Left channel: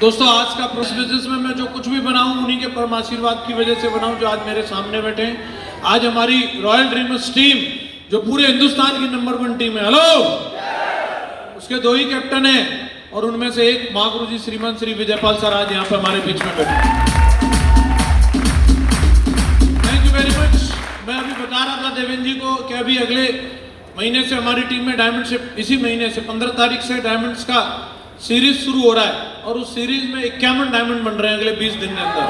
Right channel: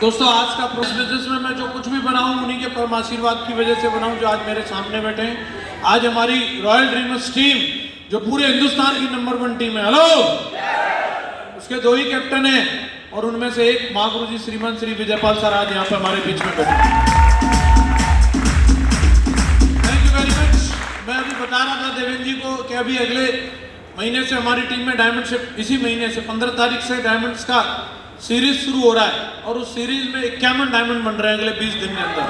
दोस्तों आज का बिजनेस में मैं जो कुछ भी बनाऊं उन्हीं के परम आशीर्वाद की वजह से बनाऊं जो आज मेरे सामने बैठे हैं। आज हमारी रॉयल ड्रीमर्स टीम जो पूरे हिंदुस्तान की नंबर 1 टीम है, हेलो, उसके 2 ही कैप्टन हैं और उनमें से एक महागुरु जी श्रीमान श्री विजयपाल सर आज यहाँ पे हमारे बीच में बैठे। Thank you very much. मैं अभी बता रहा था देवेंद्र जी को कि अभी अगले महीने से हमारी टीम में डायमंडशिप, इसी महीने से 15 तारीख से डायमंड्स का सीरीज शुरू हो रहा है और उस सीरीज में 51 डायमंड बन रहे हैं अगले 20 दिन के अंदर।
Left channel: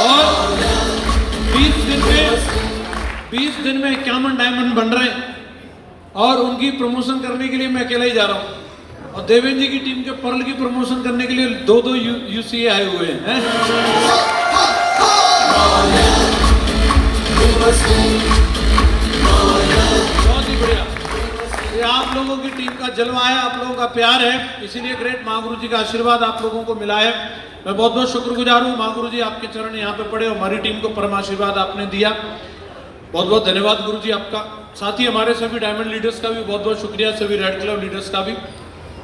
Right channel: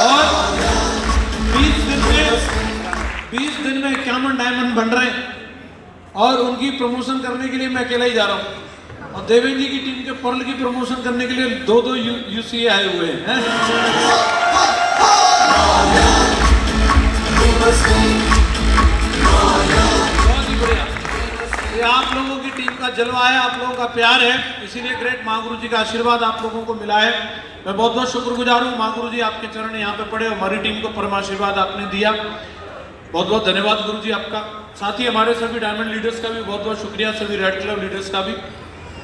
और 20 दिन में 51 डायमंड बन रहे हैं और उनकी प्रमोशन करने के लिए मैं अकेला ही जा रहा हूँ और देवेंद्र जी की टीम के पर्ल की प्रमोशन करने के लिए 2 यूसीए आए हुए हैं। बहुत ही बढ़िया। ये आप लोगों की टीम का जलवा है, आप लोगों का प्यार है, इसीलिए ग्रेट महागुरु जी का आशीर्वाद आप लोगों को मिला है। मैं बहुत बहुत शुक्रगुजार हूँ महागुरु जी, आपके चरण यहाँ पे पड़े और हमारी टीम को परम आशीर्वाद आपने दिया। बहुत बहुत धन्यवाद गुरु जी आपका। साथ ही हमारे सभी डायमंड लीडर्स का भी बहुत बहुत शुक्रिया, सभी रेड क्लब लीडर्स का भी।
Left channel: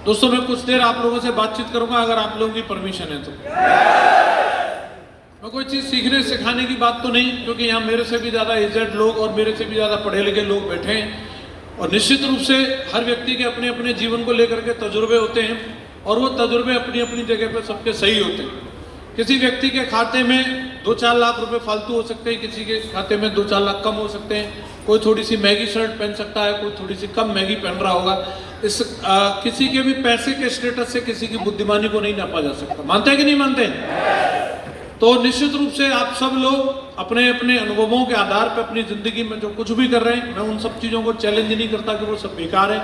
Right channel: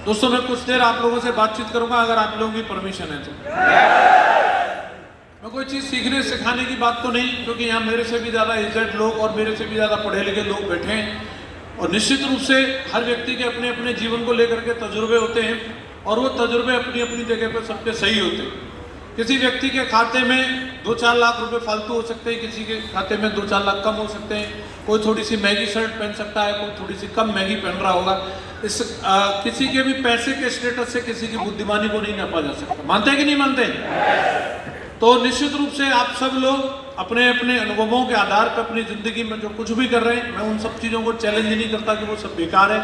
दोस्तों मैं कुछ देर आप लोगों से बातचीत करूंगा अगर आप लोगों की परमिशन है तो। मैं कोई चीज़ सीखने सिखाने की बात तो नहीं, क्योंकि यहाँ मेरे से भी ज़्यादा एजेड लोग और मेरे से भी ज़्यादा पढ़े लिखे लोग बैठे हैं और निश्चित रूप से हर व्यक्ति के अपने अपने जीवन को लेकर के तजुर्बे होते हैं और वो तजुर्बे अपनी अपनी जगह पर सबके सही होते हैं। किसी व्यक्ति के खाते में 2-4 लाख रुपए फालतू हो सकते हैं, किसी के खाते में 2-4 लाख कम हो सकते हैं। कोई थोड़ी सी महंगी शर्ट पहन सकता है, कोई थोड़ी सी कम महंगी पहन रहा होगा। किसी के भी पैसे के स्टेटस से किसी की बुद्धिमानी को नहीं नापा जा सकता। मानते हैं कि नहीं मानते? तो निश्चित रूप से आप सब लोग अपने अपने अनुभवों के आधार पर अपनी जिंदगी में जो कुछ भी कर रहे हैं, मैं उन सब चीज़ों को चैलेंज नहीं करता कि वो सब बेकार है,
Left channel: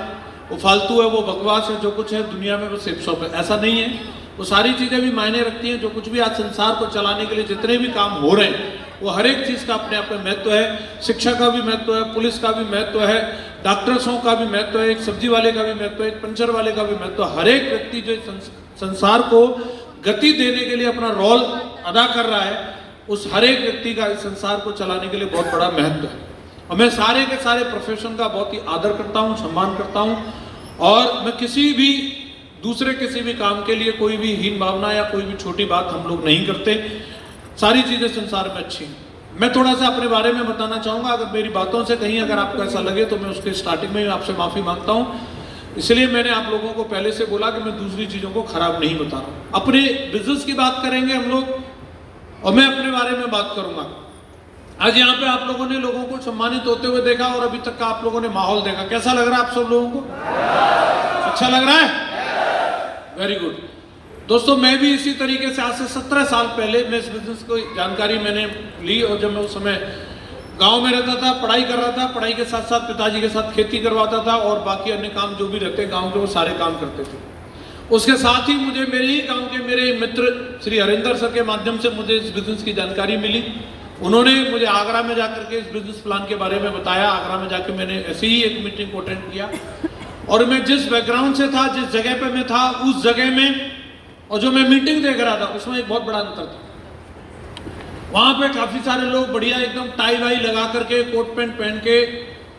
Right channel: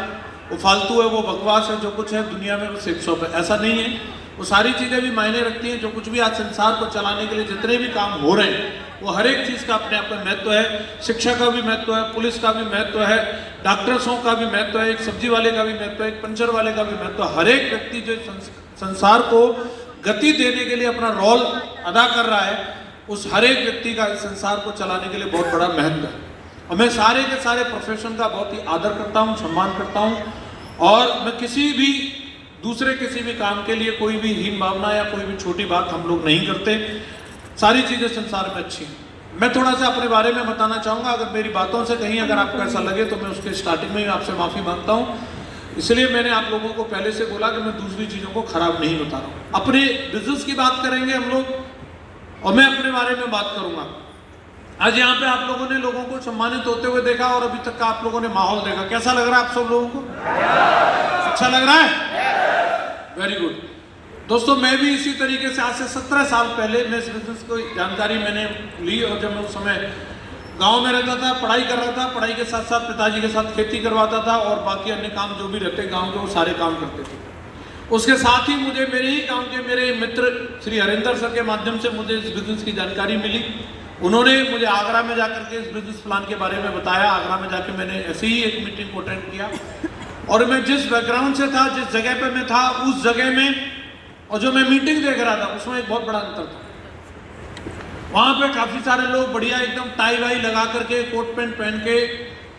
वो फालतू है, वो बकवास है। जो कुछ है दुनिया में वो सिर्फ है, ऐसा नहीं है। वो सारी चीज़ें भी मायने रखती हैं। जो कुछ भी आज संसार को चलाने के लिए जितने भी काम हो रहे हैं वो हर एक चीज़ का अपने आप में महत्व है। शिक्षा का भी महत्व है, पुलिस का भी महत्व है, डॉक्टर्सों का भी महत्व है, एक सब्जी वाले का भी महत्व है, एक पंचर वाले का भी महत्व है। हर एक व्यक्ति जो संसार को गति देने के लिए अपना रोल अदा कर रहा है, उस हर एक व्यक्ति का इस संसार को चलाने के लिए बहुत बड़ा महत्व है। और मैं सारे के सारे प्रोफेशन का बहुत ही आदर करता हूँ, सम्मान करता हूँ और मैं किसी भी दूसरे किसी भी काम के लिए कोई भी हीन भावना या कोई भी छोटी बात हम लोग नहीं करते। सारी चीज़ें संसार में अच्छी हैं। मैं थोड़ा सा अपने बारे में बताना चाहूँगा। अगर मेरी बातों से कहीं अगर आपको ऐसा लगे तो मैं उसके स्टार्टिंग में आपसे माफ़ी मांगता हूँ। इसलिए मैंने आप लोगों को पहले से बोला कि मैं दूसरी चीज़ों को खराब नहीं बता रहा हूँ। अपने बिजनेस की बात करेंगे हम लोग और मैं अपने बारे में बात करूँगा। आज यहाँ पे आप लोगों ने लोगों को सम्मानित होते हुए देखा और अभी तक का आप लोगों ने माहौल देखा। कैसा लग रहा है आप सब लोगों को? अच्छा लग रहा है? Very good. दोस्तों मैं भी इसी तरीके से आज से 17 साल पहले मैं इस बिजनेस को जानकारी मैंने ली और जब मैं उस समय गांव में रहता था, पढ़ाई कर रहा था, पढ़ाई के साथ साथ पिताजी के साथ खेती करवाता था और बाकी अन्य काम जो भी रहते गांव के वो सारे काम करते थे। उसके साथ ही मुझे मेरे ही गांव के मेरे मित्र श्री हरिंदर सर के माध्यम से मुझे इस बिजनेस की जानकारी मिली। उन्होंने मुझे आगरा में जाकर के इस बिजनेस प्लान के बारे में बताया। आगरा में जाके मैंने ऐसे ही एक मीटिंग को अटेंड किया और मैं जिस बैकग्राउंड से था, जिस जगह पे मैं था, उस जगह में और जो मैं मीटिंग देख रहा था उसमें एक बहुत बड़ा अंतर था। वहाँ पे काफ़ी सारे लोग बढ़िया एकदम टाई वाई लगा करके, कोट पैंट पहन के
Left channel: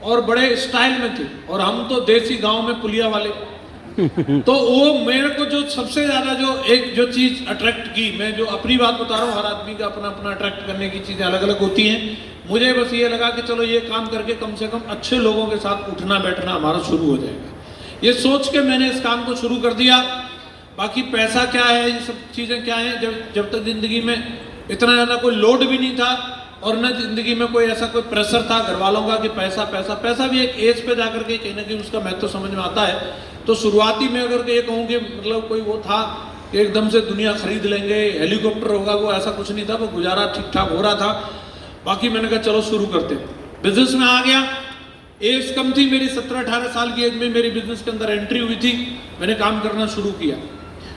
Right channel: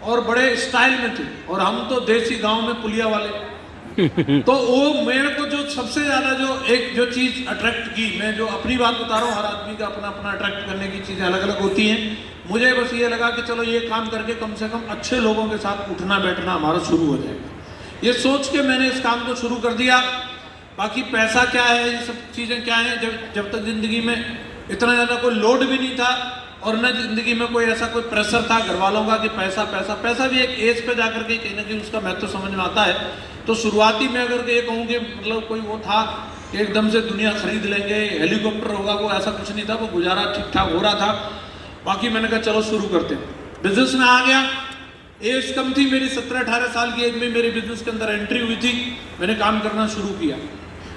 और बड़े स्टाइल में थे और हम तो देसी गांव में पुलिया वाले। तो वो मेरे को जो सबसे ज़्यादा जो चीज़ अट्रैक्ट की, मैं जो अपनी बात बता रहा हूँ, हर आदमी का अपना अपना अट्रैक्ट करने की चीज़ें अलग अलग होती हैं। मुझे बस ये लगा कि चलो ये काम करके कम से कम अच्छे लोगों के साथ उठना बैठना हमारा शुरू हो जाएगा। ये सोच के मैंने इस काम को शुरू कर दिया। बाकी पैसा क्या है, ये सब चीज़ें क्या हैं, जब तक ज़िंदगी में इतना ज़्यादा कोई लोड भी नहीं था और न ज़िंदगी में कोई ऐसा कोई प्रेशर था घर वालों का कि पैसा पैसा पैसा भी एक एज पे जाकर के कहीं ना कहीं उसका महत्व समझ में आता है। तो शुरुआती में अगर ये कहूँ कि मतलब कोई वो था कि एकदम से दुनिया खरीद लेंगे, हेलीकॉप्टर होगा, वो ऐसा कुछ नहीं था। वो गुजारा ठीक ठाक हो रहा था। बाकी मैंने कहा चलो शुरू करते। बिजनेस में आ गया। एज कम थी मेरी, 17-18 साल की एज में मेरी बिजनेस के अंदर एंट्री हुई थी। मैंने काम करना शुरू किया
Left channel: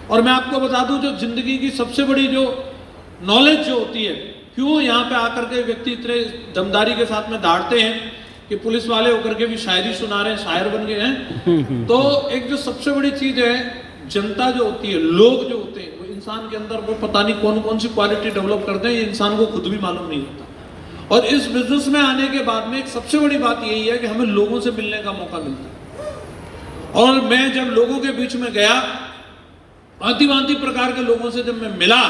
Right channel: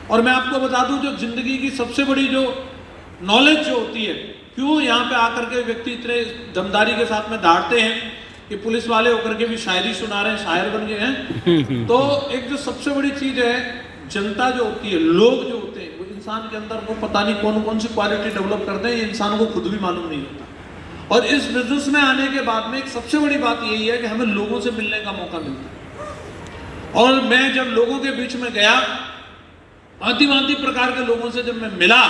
और मैं आपको बता दूं जो जिंदगी की सबसे बड़ी जो नॉलेज जो होती है, क्यों यहाँ पे आकर के व्यक्ति इतने दमदारी के साथ में दौड़ते हैं कि पुलिस वाले होकर के भी शायरी सुना रहे हैं, शायर बन गए हैं। तो एक जो सबसे बड़ी चीज़ है, जनता जो होती है, लोग जो होते हैं, वो इंसान के अंदर वो पता नहीं कौन कौन सी क्वालिटी डेवलप करते हैं, ये इंसान को खुद भी मालूम नहीं होता। और इस बिजनेस में आने के बाद में एक सबसे बड़ी बात यही है कि हमें लोगों से मिलने का मौका मिलता है। और मैं जब लोगों के बीच में गया भांति भांति प्रकार के लोगों से जब मैं मिला,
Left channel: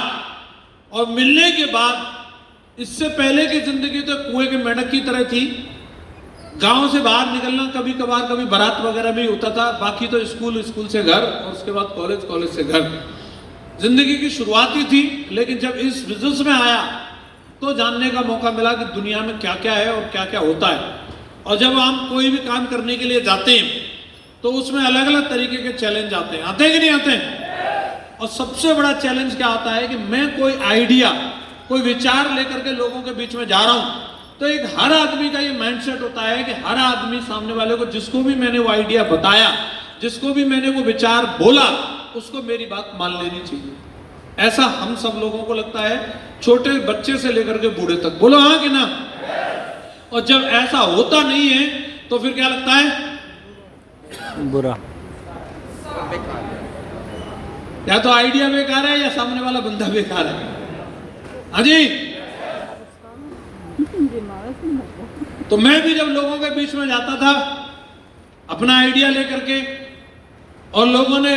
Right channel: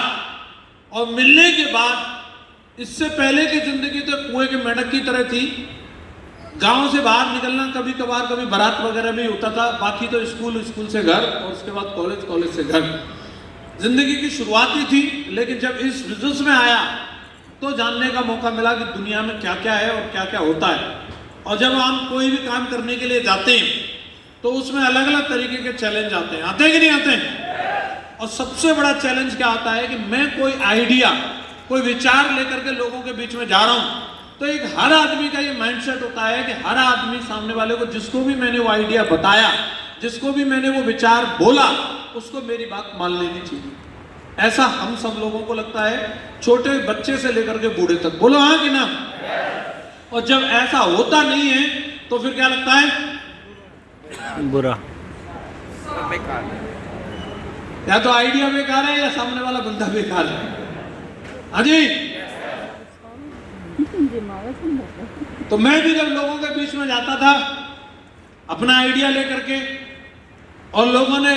और मिलने के बाद इससे पहले की जिंदगी तो कुएं के मेंढक की तरह थी। गांव से बाहर निकलना कभी कभार, कभी बारात वगैरह भी होता था, बाकी तो स्कूल, स्कूल से घर, और उसके बाद कॉलेज, कॉलेज से घर। जिंदगी की शुरुआत ही थी। लेकिन जब इस बिजनेस में आया तो जानने का मौका मिला कि दुनिया में क्या क्या है और क्या क्या होता है। और जब हम कोई भी काम करने के लिए जाते हैं तो उसमें अलग अलग तरीके के चैलेंज आते हैं। आते हैं कि नहीं आते हैं? और सबसे बड़ा चैलेंज क्या आता है कि मैं कोई आइडिया, कोई विचार लेकर के लोगों के बीच में जा रहा हूं, तो एक हर आदमी का ये माइंडसेट होता है कि हर आदमी सामने वाले को, जिसको भी मैंने वो आइडिया बताया, जिसको भी मैंने वो विचार बोला, उसको मेरी बात मान लेनी चाहिए। ऐसा हम सब लोगों को लगता है, छोटे बच्चे से लेकर के बूढ़े तक। बोलो हाँ कि ना? और जब ऐसा होता नहीं है तो फिर क्या लगता है? बुरा। या तो आइडिया बेकार है या सामने वाला बंदा बेकार है। हाँ जी। तो मैं भी जब लोगों के बीच में जाता था अपना आइडिया लेकर के, और लोगों ने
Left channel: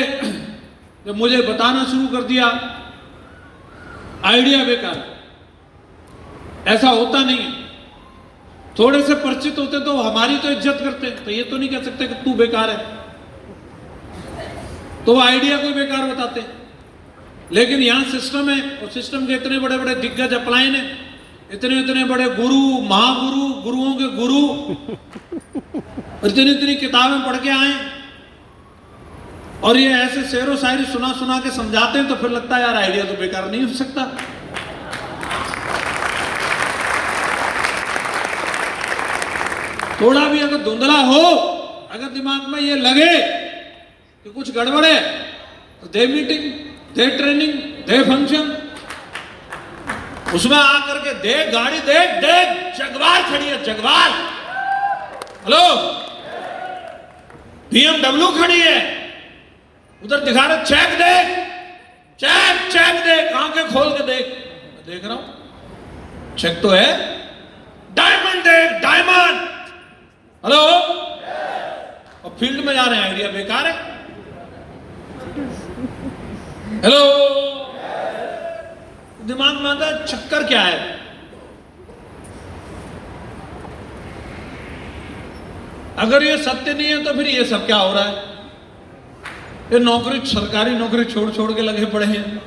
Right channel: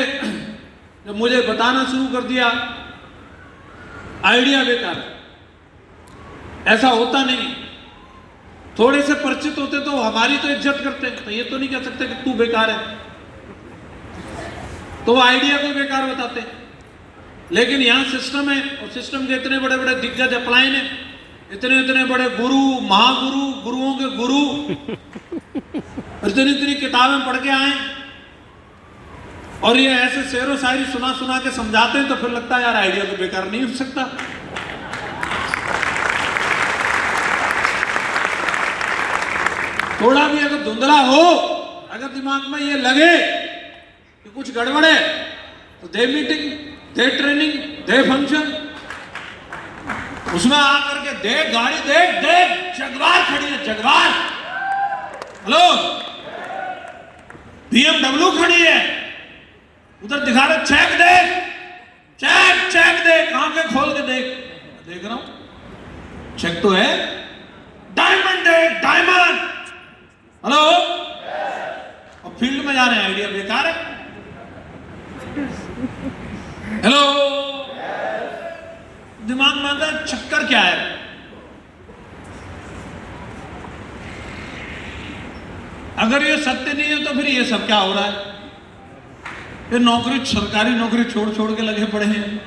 जब मुझे बताना शुरू कर दिया आइडिया बेकार है, ऐसा होता नहीं। थोड़े से परिचित होते तो हमारी तो इज्जत करते, तो ये तो नहीं कह सकते कि तू बेकार है, तो वो आइडिया को बेकार बताते। लेकिन यहां सिस्टम है, और सिस्टम के इतने बड़े बड़े दिग्गज अपलाइन है, इतने इतने बड़े गुरु, महागुरु, गुरुओं के गुरु, इतनी इतनी किताबें पढ़ के आए, और ये ऐसे शेरो शायरी सुना सुना के समझाते हैं, तो फिर लगता है यार आइडिया तो बेकार नहीं हो सकता। थोड़ा भी अगर धुंधला हो, अगर दिमाग में ये लगे कि कुछ गड़बड़ है, तो दे मीटिंग, दे ट्रेनिंग, दे फंक्शन, उसमें आकर के देख गाड़ी, देख देख जगवार खड़ी है, जगवार, हेलो, BMW खड़ी है, उधर दिखा रहे चेक देख, चेक चेक देख, आंखें खोल के देख, देख रहा हूं, चेक तो है, डायमंड देख, डायमंड, हेलो, और फील्ड में जा रहे हैं, आइडिया बेकार है, हेलो, दिमाग में आता है चक्कर क्या है। अगर ये सत्य नहीं है तो फिर ये सब क्या हो रहा है? ये नौकरी, सरकारी नौकरी छोड़ छोड़ के लगे पड़े हैं।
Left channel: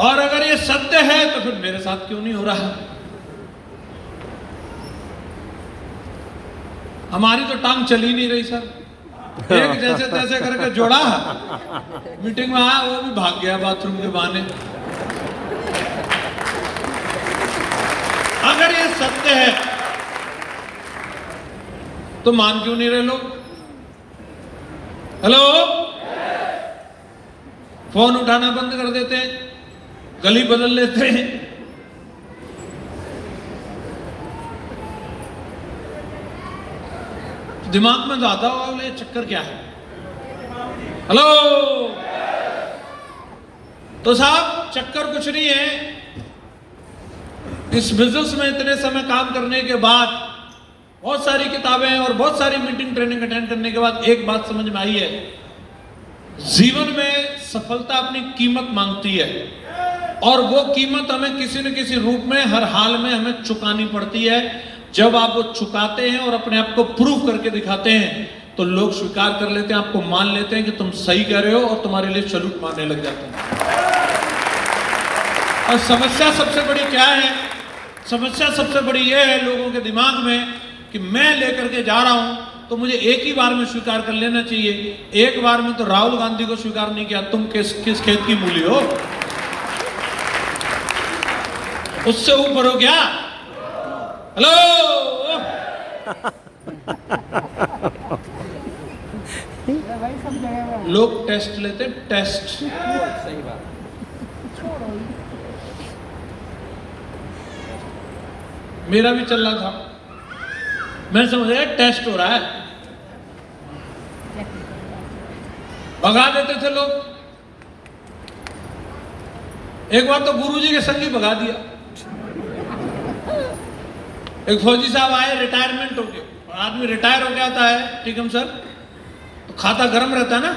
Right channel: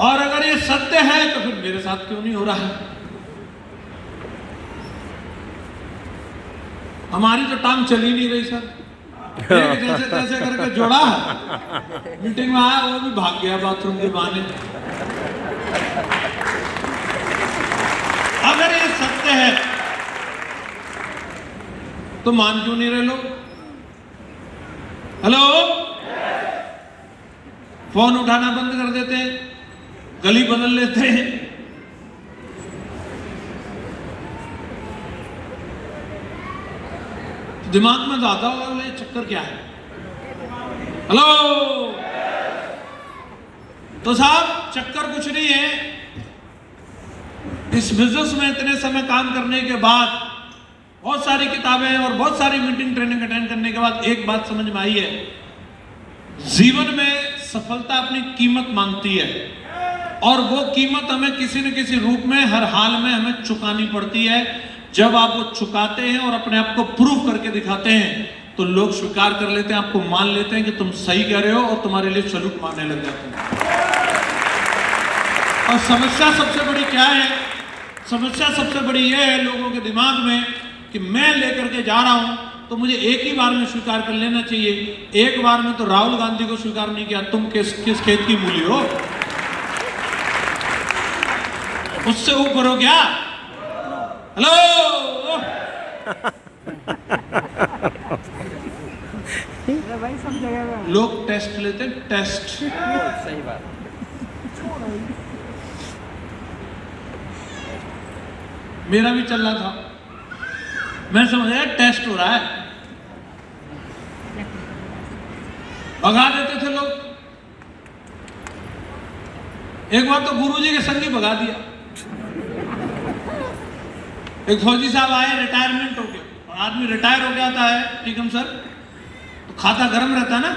और अगर ये सत्य है तो फिर मेरे साथ क्यों नहीं हो रहा? हमारी तो टांग चल ही नहीं रही सर। एक जैसे तैसे करके जोड़ा, मीटिंग में आया, वो भी भाग गया बाथरूम के बहाने। अगर ये सत्य है तो मान क्यों नहीं रहे लोग? हेलो, फोन उठाना बंद कर देते हैं, गली बदल लेते हैं। दिमाग में तो आता होगा ये चक्कर क्या है। हेलो, तो साहब चक्कर कुछ नहीं है। इस बिजनेस में इतने समय काम करने के बाद, बहुत सारी किताबें और बहुत सारी मीटिंग, ट्रेनिंग अटेंड करने के बाद एक बात समझ में आई है, जीवन में सफलता अपनी कीमत मांगती है, और वो कीमत हमें किसी न किसी रूप में हर हाल में हमें चुकानी पड़ती है। जब आप वो चुकाते हैं और अपने आप को प्रूव करके दिखाते हैं तो लोग स्वीकार कर लेते हैं, आपको मान लेते हैं कि तुम सही कह रहे हो, और तुम्हारे लिए सैल्यूट मारने लग जाते हैं। और समस्या सबसे बड़ी क्या है? समस्या सबसे बड़ी ये है लोगों के दिमाग में कि मैं लेकर के जा रहा हूं तो मुझे एक ही बार में स्वीकार कर लेना चाहिए। एक बार में तो राहुल गांधी को स्वीकार नहीं किया, तुम किस खेत की मूली हो? उससे ऊपर हो क्या? हेलो, लोग टेस्ट लेते, टेस्ट। सही बात। मेरा भी चल रहा था, मैं समझ रहा टेस्ट हो रहा है, भगा देते थे लोग। एक बार तो गुरुजी के संग ही भगा दिया। एक फौजी साहब आए रिटायरमेंट होके, और आदमी रिटायर हो गया था है, ठीक है सर, तो खाता गर्म रहता है ना,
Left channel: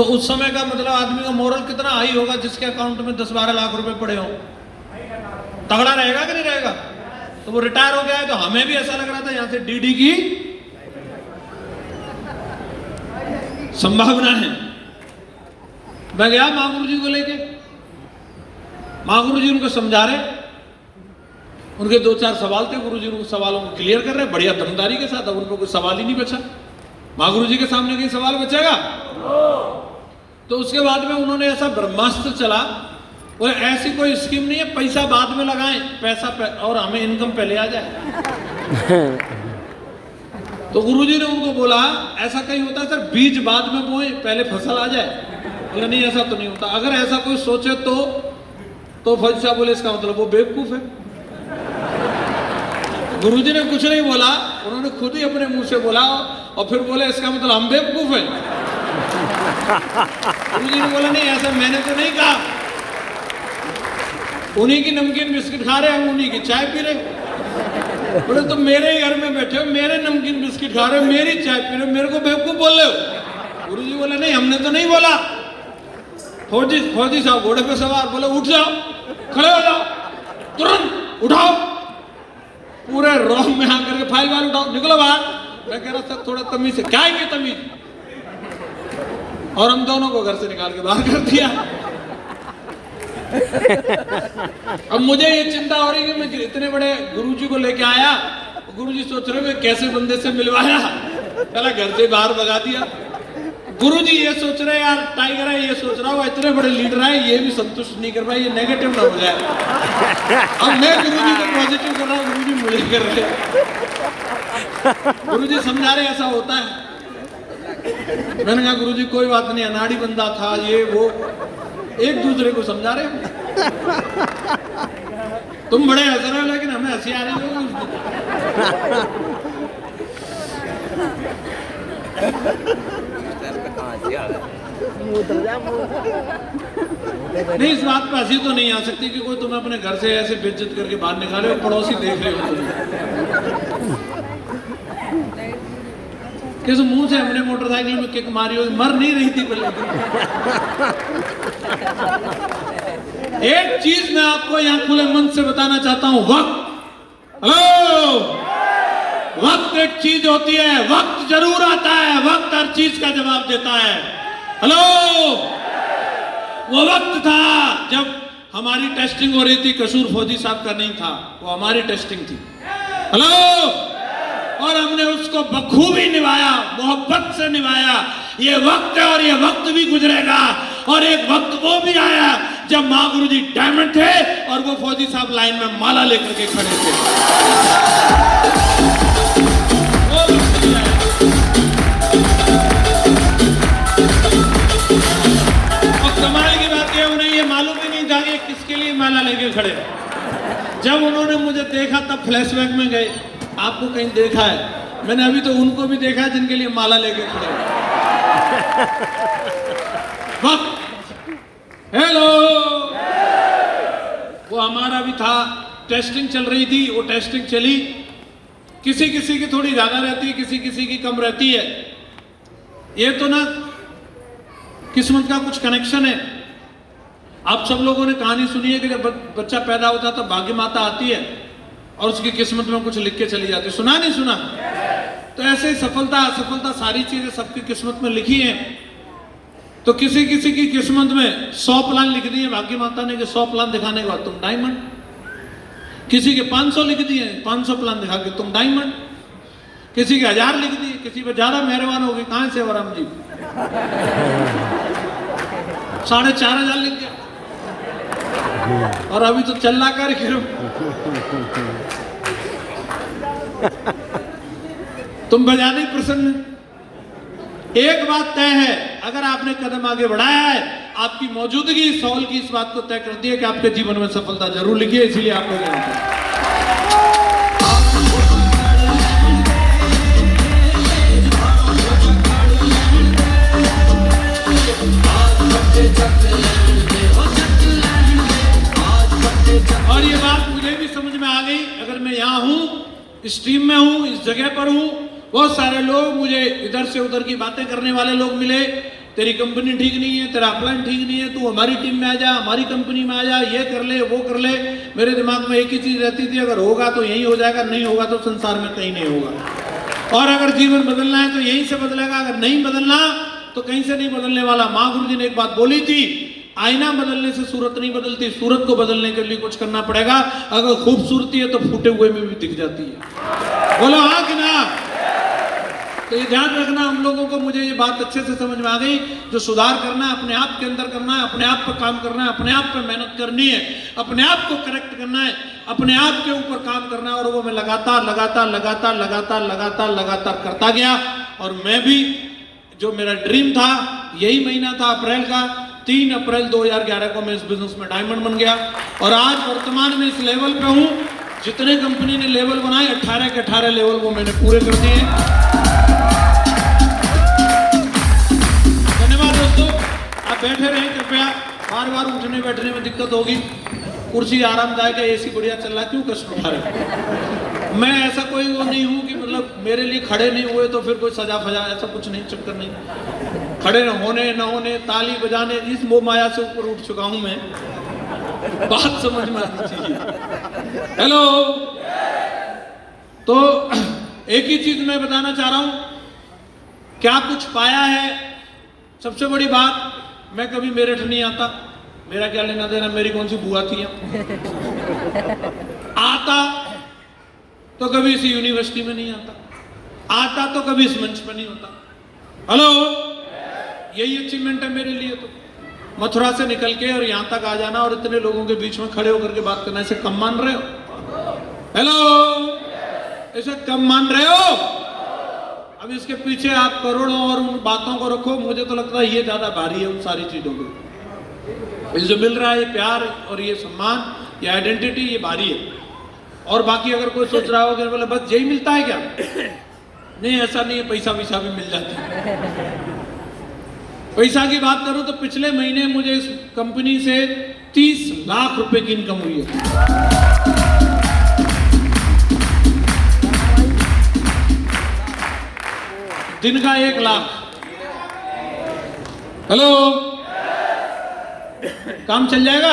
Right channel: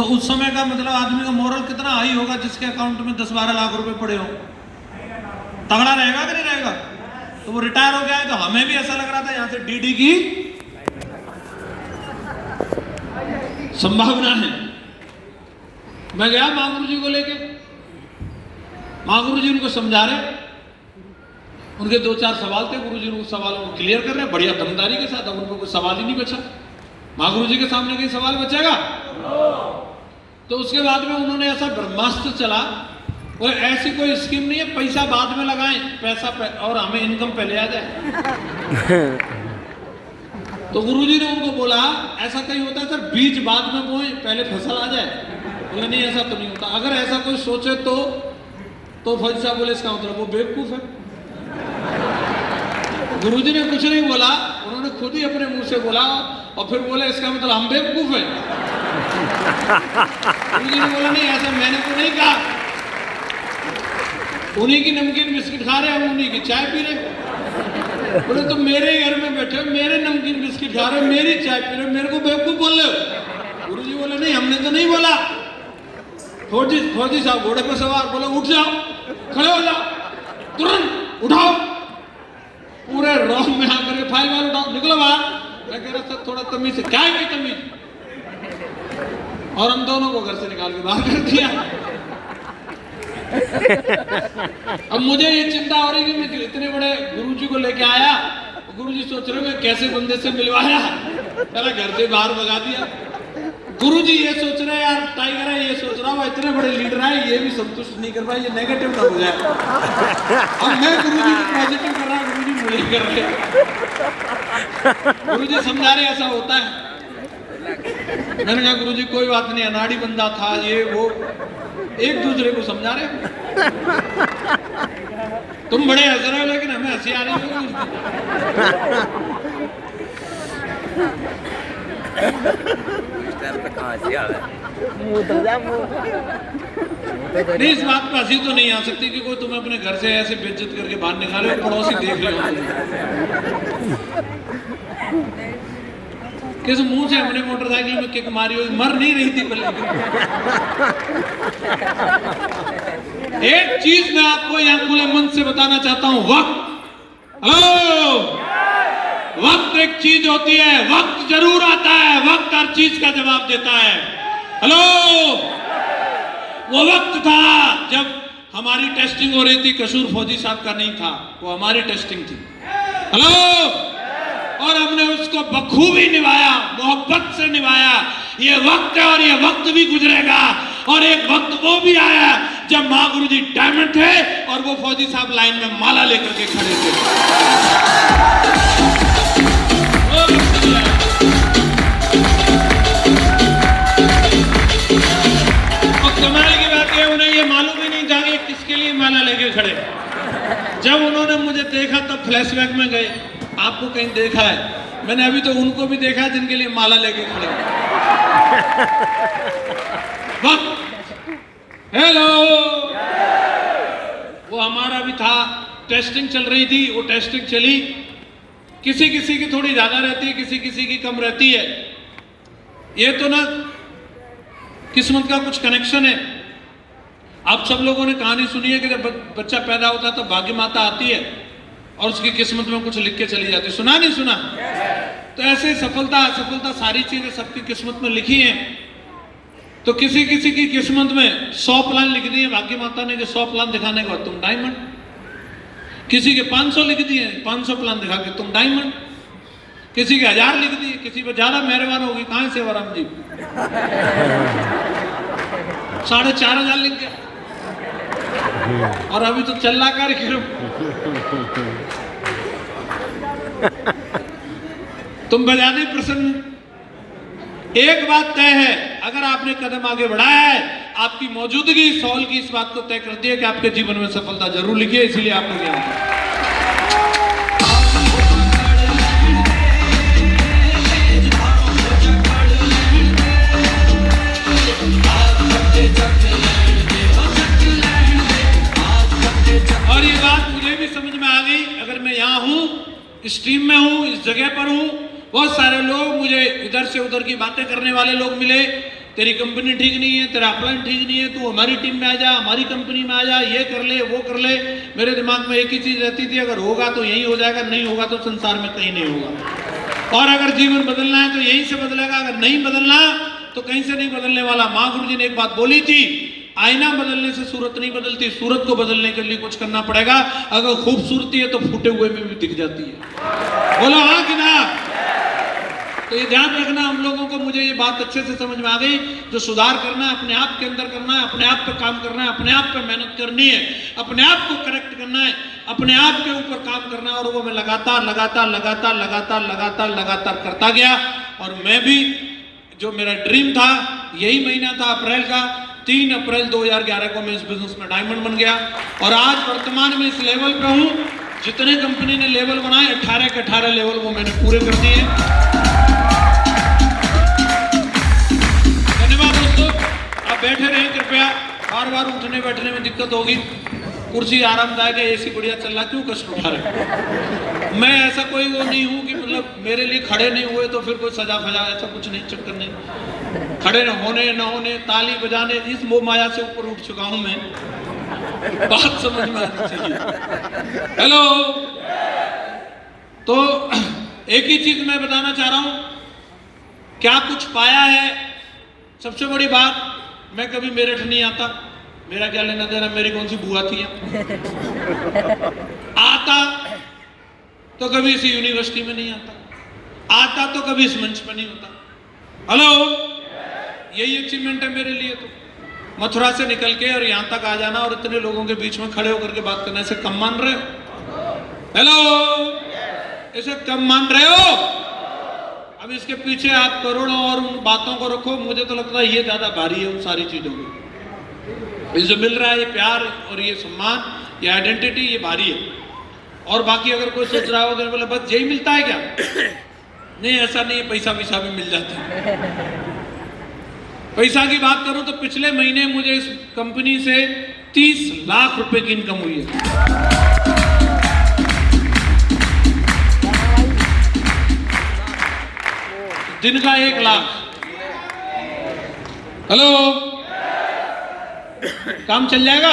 तो उस समय का मतलब आदमी का मोरल कितना हाई होगा जिसके अकाउंट में 10-12 लाख रुपए पड़े हो। तगड़ा रहेगा कि नहीं रहेगा? तो वो रिटायर हो गया है, तो हमें भी ऐसा लग रहा था यहां से डीडी की संभावना है। मैं गया महागुरु जी को लेके, महागुरु जी उनको समझा रहे, उनके 2-4 सवाल थे, गुरु जी उनको सवालों को क्लियर कर रहे हैं बढ़िया दमदारी के साथ। अब उनको कोई सवाल ही नहीं बचा, महागुरु जी के सामने कोई सवाल बचेगा? तो उसके बाद में उन्होंने ऐसा ब्रह्मास्त्र चला, और ऐसी कोई स्कीम नहीं है पैसा बाद में लगाएं, पैसा और हमें इनकम पहले आ जाए। तो गुरुजी ने उनको बोला ऐसा कहीं होता है सर, बीज बाद में बोए पहले फसल आ जाए? या नहीं, ऐसा तो नहीं होता। अगर ऐसा कोई सोचे तो फौजी साहब बोले इसका मतलब वो बेवकूफ है। गुरुजी ने कुछ नहीं बोला, उन्होंने खुद ही अपने मुंह से बोला, और फिर बोले इसका मतलब हम बेवकूफ हैं। गुरुजी ने बोला नहीं, ऐसा मैंने तो नहीं कहा, उन्हीं की नमकीन बिस्किट खा रहे हैं, उन्हीं की चाय पी रहे। बोले तुम मेरे ही घर में बैठे हो, मेरे नमकीन बिस्किट खा रहे हो, मेरी चाय पी रहे हो, मेरे को बेवकूफ बोल रहे हो। गुरुजी बोले नहीं, हमने तो नहीं बोला। फौजी साहब घोड़े पे सवार, बोले उठ जाओ, खड़े हो जाओ, तुरंत उठाओ, पूरे रोम में आकर के फाइल वाल उठाओ, निकलो बाहर। मैं कह रहा था थोड़ा तमीज से, क्या है ये तमीज? और हम दोनों को घर से निकाल के बाहर कर दिया। अब मुझे ये चिंता हो रही कि मैं इतने बड़े गुरुजी को लेके आया, गुरुजी सोच रहे हैं कैसे बंदे से मिलवाया, पहला घर से बाहर भगा दिया। गुरुजी ये सोच रहे हैं यार टाइगर है, ये सोच रहा हूँ इतने बड़े लीडर है, ये भी संतुष्ट नहीं कर पाए, ये नेगेटिव ना हो जाए। और मैं गुरुजी को पॉजिटिव कर रहा हूँ, गुरुजी मुझे कर रहे हैं। गुरुजी समझा रहे ऐसा होता है। मैंने कहा गुरुजी कोई बात नहीं, अनाड़ी बंदा था ये वो, एक दूसरे को समझा रहे हैं। तुम बड़े हंस रहे हो लेकिन हमें हंसी आ रही है। नहीं, इस बात पर हंसी तो नहीं आ सकती कि कोई तुम्हें अपने घर से ऐसे बेइज्जत करके बाहर निकाले, पड़ोसी देख रहे हो। किस मुंह से हमने मोटरसाइकिल में किक मारी हो, मर नहीं रही थी पहले। एक चीज मैं आपको यहाँ खुले मन से बताना चाहता हूं, वक्त, हेलो, वक्त एक चीज होती है, वक्त जरूर आता है, वक्त हर चीज का जवाब देता है। हेलो, वो वक्त था जब हमारी टेस्टिंग हो रही थी, कसूर फौजी साहब का नहीं था, वो हमारी टेस्टिंग थी। हेलो, और हमने उसको बखूबी निभाया, मोहब्बत से निभाया। ये वक्त है और ये वक्त भी गुजरेगा, और एक वक्त वो भी आया जब महागुरु जी डायमंड थे और वो फौजी साहब लाइन में माला लेकर के खड़े थे। और कमाल की बात है, उन्हें ये मालूम ही नहीं था कि किसके लिए माला लेके खड़े। जब उन्होंने मुझे देखा तब फ्लैशबैक में गए, आपको कहीं देखा है? मैंने अभी तो उनको भी देखा है जिनके लिए माला लेके खड़े। हेलो, वो हमारा भी था, टेस्टिंग चल रही थी, वो टेस्टिंग चली, किसी किसी की थोड़ी ज्यादा रहती है, किसी किसी की कम रहती है। ये तो ना किस्मत का कुछ कनेक्शन है। आप सब लोगों ने कहानी सुनी है कि जब बच्चा पैदा होता है तो भाग्य माता आती है और उसकी किस्मत में कुछ लिख के चली जाती है। सुना नहीं सुना? तो ऐसे सफलता असफलता सारी चीजें सबकी किस्मत में लिखी हैं। तो किसी किसी की किस्मत में 100 प्लान लिख दिए भाग्य माता ने कि 100 प्लान दिखाने के बाद तुम डायमंड, किसी के 500 लिख दिए, 500 प्लान दिखा के तुम डायमंड, किसी के 1000 लिख दिए, किसी पे ज्यादा मेहरबान होगी, कहां से वराम जी 4500 लिख गए, और अभी तो चल रहा कार्यक्रम। तुम बजा नहीं प्रसन्न। एक बात तय है, अगर आपने कदम आगे बढ़ाया है, आपकी मौजूदगी इस हॉल की इस बात को तय करती है कि आपके जीवन में सफलता जरूर लिखी है, इसीलिए आप लोग यहाँ पर। और ये बात मुझे भी समझ में आ गई, अगर मैं यहाँ हूँ, इस टीम में हूँ, इस जगह पर हूँ, बहुत सारे लोग मुझे इधर से उधर की बातें करने वाले लोग मिले, तेरी कंपनी ठीक नहीं है, तेरा प्लान ठीक नहीं है, तू हमारी टीम में आ जा, हमारी कंपनी में आ जा, ये कर ले वो कर ले। मेरे दिमाग में एक ही चीज रहती थी, अगर होगा तो यही हो जाएगा, नहीं होगा तो संसार में कहीं नहीं होगा। और अगर जीवन बदलना है तो यहीं से बदलेगा, अगर नहीं बदलना तो कहीं से नहीं बदलने वाला। माँ गुरु जी ने एक बात बोली थी, आईना बदलने से सूरत नहीं बदलती, सूरत को बदलने के लिए कुछ करना पड़ेगा। अगर खूबसूरती है तो फूटे हुए में भी दिख जाती है। बोलो हाँ कि ना? तो ये ध्यान रखना हम लोगों को। मुझे ये बात अच्छे से समझ में आ गई। जो सुधार करना है अपने आप के अंदर करना है, अपने आप पे काम करना है, अपने आप पे मेहनत करनी है, अपने आप को करेक्ट करना है, अपने आप के ऊपर काम करना है। और वो मैं लगातार लगातार लगातार लगातार लगातार लगातार करता गया। और मैं भी, जो मेरा ड्रीम था, यही महीना था अप्रैल का, 3 अप्रैल 2011 को मैं इस बिजनेस में डायमंड बन गया। और आज वर्तमान में इस लेवल पे हूँ। जितने कंपनी ने लेवल बनाए 18 के 18 लेवल वो मैंने पूरे कर दिए। धन्यवाद दोस्तों, आप बैठे रहें कृपया। बार बार उठने बैठने में दिक्कत होगी। कुर्सी आरामदायक है, एसी बढ़िया चल रहा, क्यों कष्ट उठा रहे? मैं ऐसा कोई वो नहीं हूँ कि मतलब मेरे लिए खड़े नहीं हुए तो फिर कोई सजा फजा, ऐसा कुछ नहीं, चक्कर नहीं। खड़े होने न होने, ताली बजाने, इस मोह माया से ऊपर उठ चुका हूं मैं। बात समझ में आनी चाहिए। हेलो। तो एक ही चीज मैं बताना चाह रहा हूं, क्या कुछ पाया है? सबसे बड़ी बात, मैं कभी मेरठ नहीं आता, मेरा क्या लेना देना, मेरी कौन सी बुआ थी? आता तो कभी इस यूनिवर्सिटी में नहीं आता, आता तो कभी इस मंच पर नहीं होता। हेलो, यही अचीवमेंट है मेरे लिए। तो मथुरा से निकल के और यहां तक आ जाना और इतने लोगों के बीच में खड़े होकर के बात करना, इसे कम मान रहे हो? हेलो, इसे कम मान रहे हो? अब इसके पीछे आप करोड़ों और उन बातों को रखो, मुझे तो लगता है ये ज्यादा भारी है उन सारी चीजों को। ये जो मिल रहा है, ये प्यार और ये सम्मान, ये आइडेंटिटी, ये भारी है। और बाकी अगर कोई सोच रहा हो कि बोले बस यही मिलता है क्या? नहीं, ऐसा नहीं है, पैसा वैसा भी मिल जाता है। पैसा की बात करूं तो पिछले महीने मुझे इस कंपनी से 30 लाख रुपए की इनकम हुई है। दिन का 1 लाख। हेलो, काम चल जाएगा?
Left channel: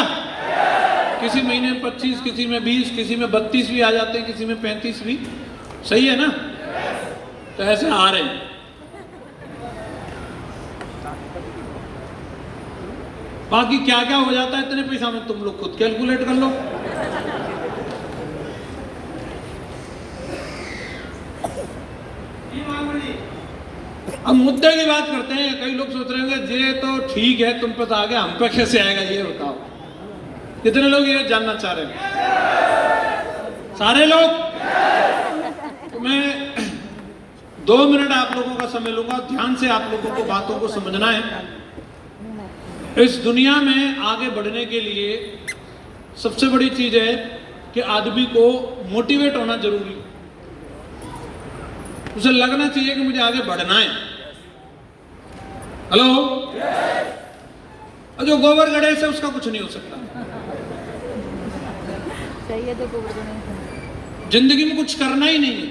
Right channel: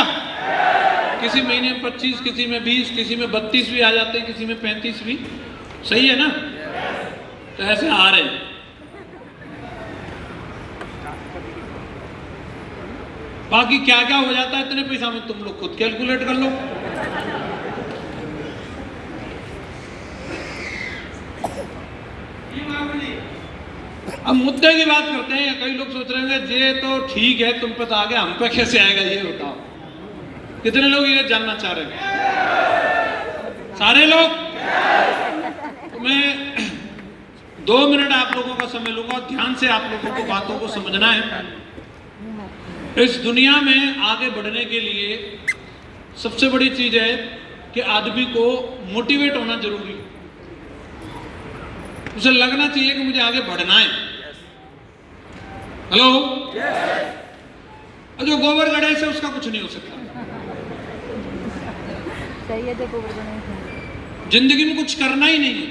किसी महीने में 25, किसी में 20, किसी में 32 भी आ जाते हैं, किसी में 35 भी। सही है ना? तो ऐसे आ रहे हैं। बाकी क्या क्या हो जाता है इतने पैसा में, तुम लोग खुद कैलकुलेट कर लो। अब मुद्दे की बात करते हैं। कई लोग सोच रहे होंगे ये तो ठीक है, तुम पे तो आ गया, हम पे कैसे आएगा ये बताओ। कितने लोग ये जानना चाह रहे हैं? सारे लोग? तो मैं 2 मिनट आप लोगों का समय लूंगा। ध्यान से आप लोगों को बातों को समझना है। इस दुनिया में आगे बढ़ने के लिए सबसे बड़ी चीज है कि आदमी को मोटिवेट होना जरूरी है। उसे लगना चाहिए कि मुझे आगे बढ़ना है। हेलो, जो गोबर गड़े से उसका कुछ नहीं हो सकता। जिंदगी में कुछ करना ही नहीं है।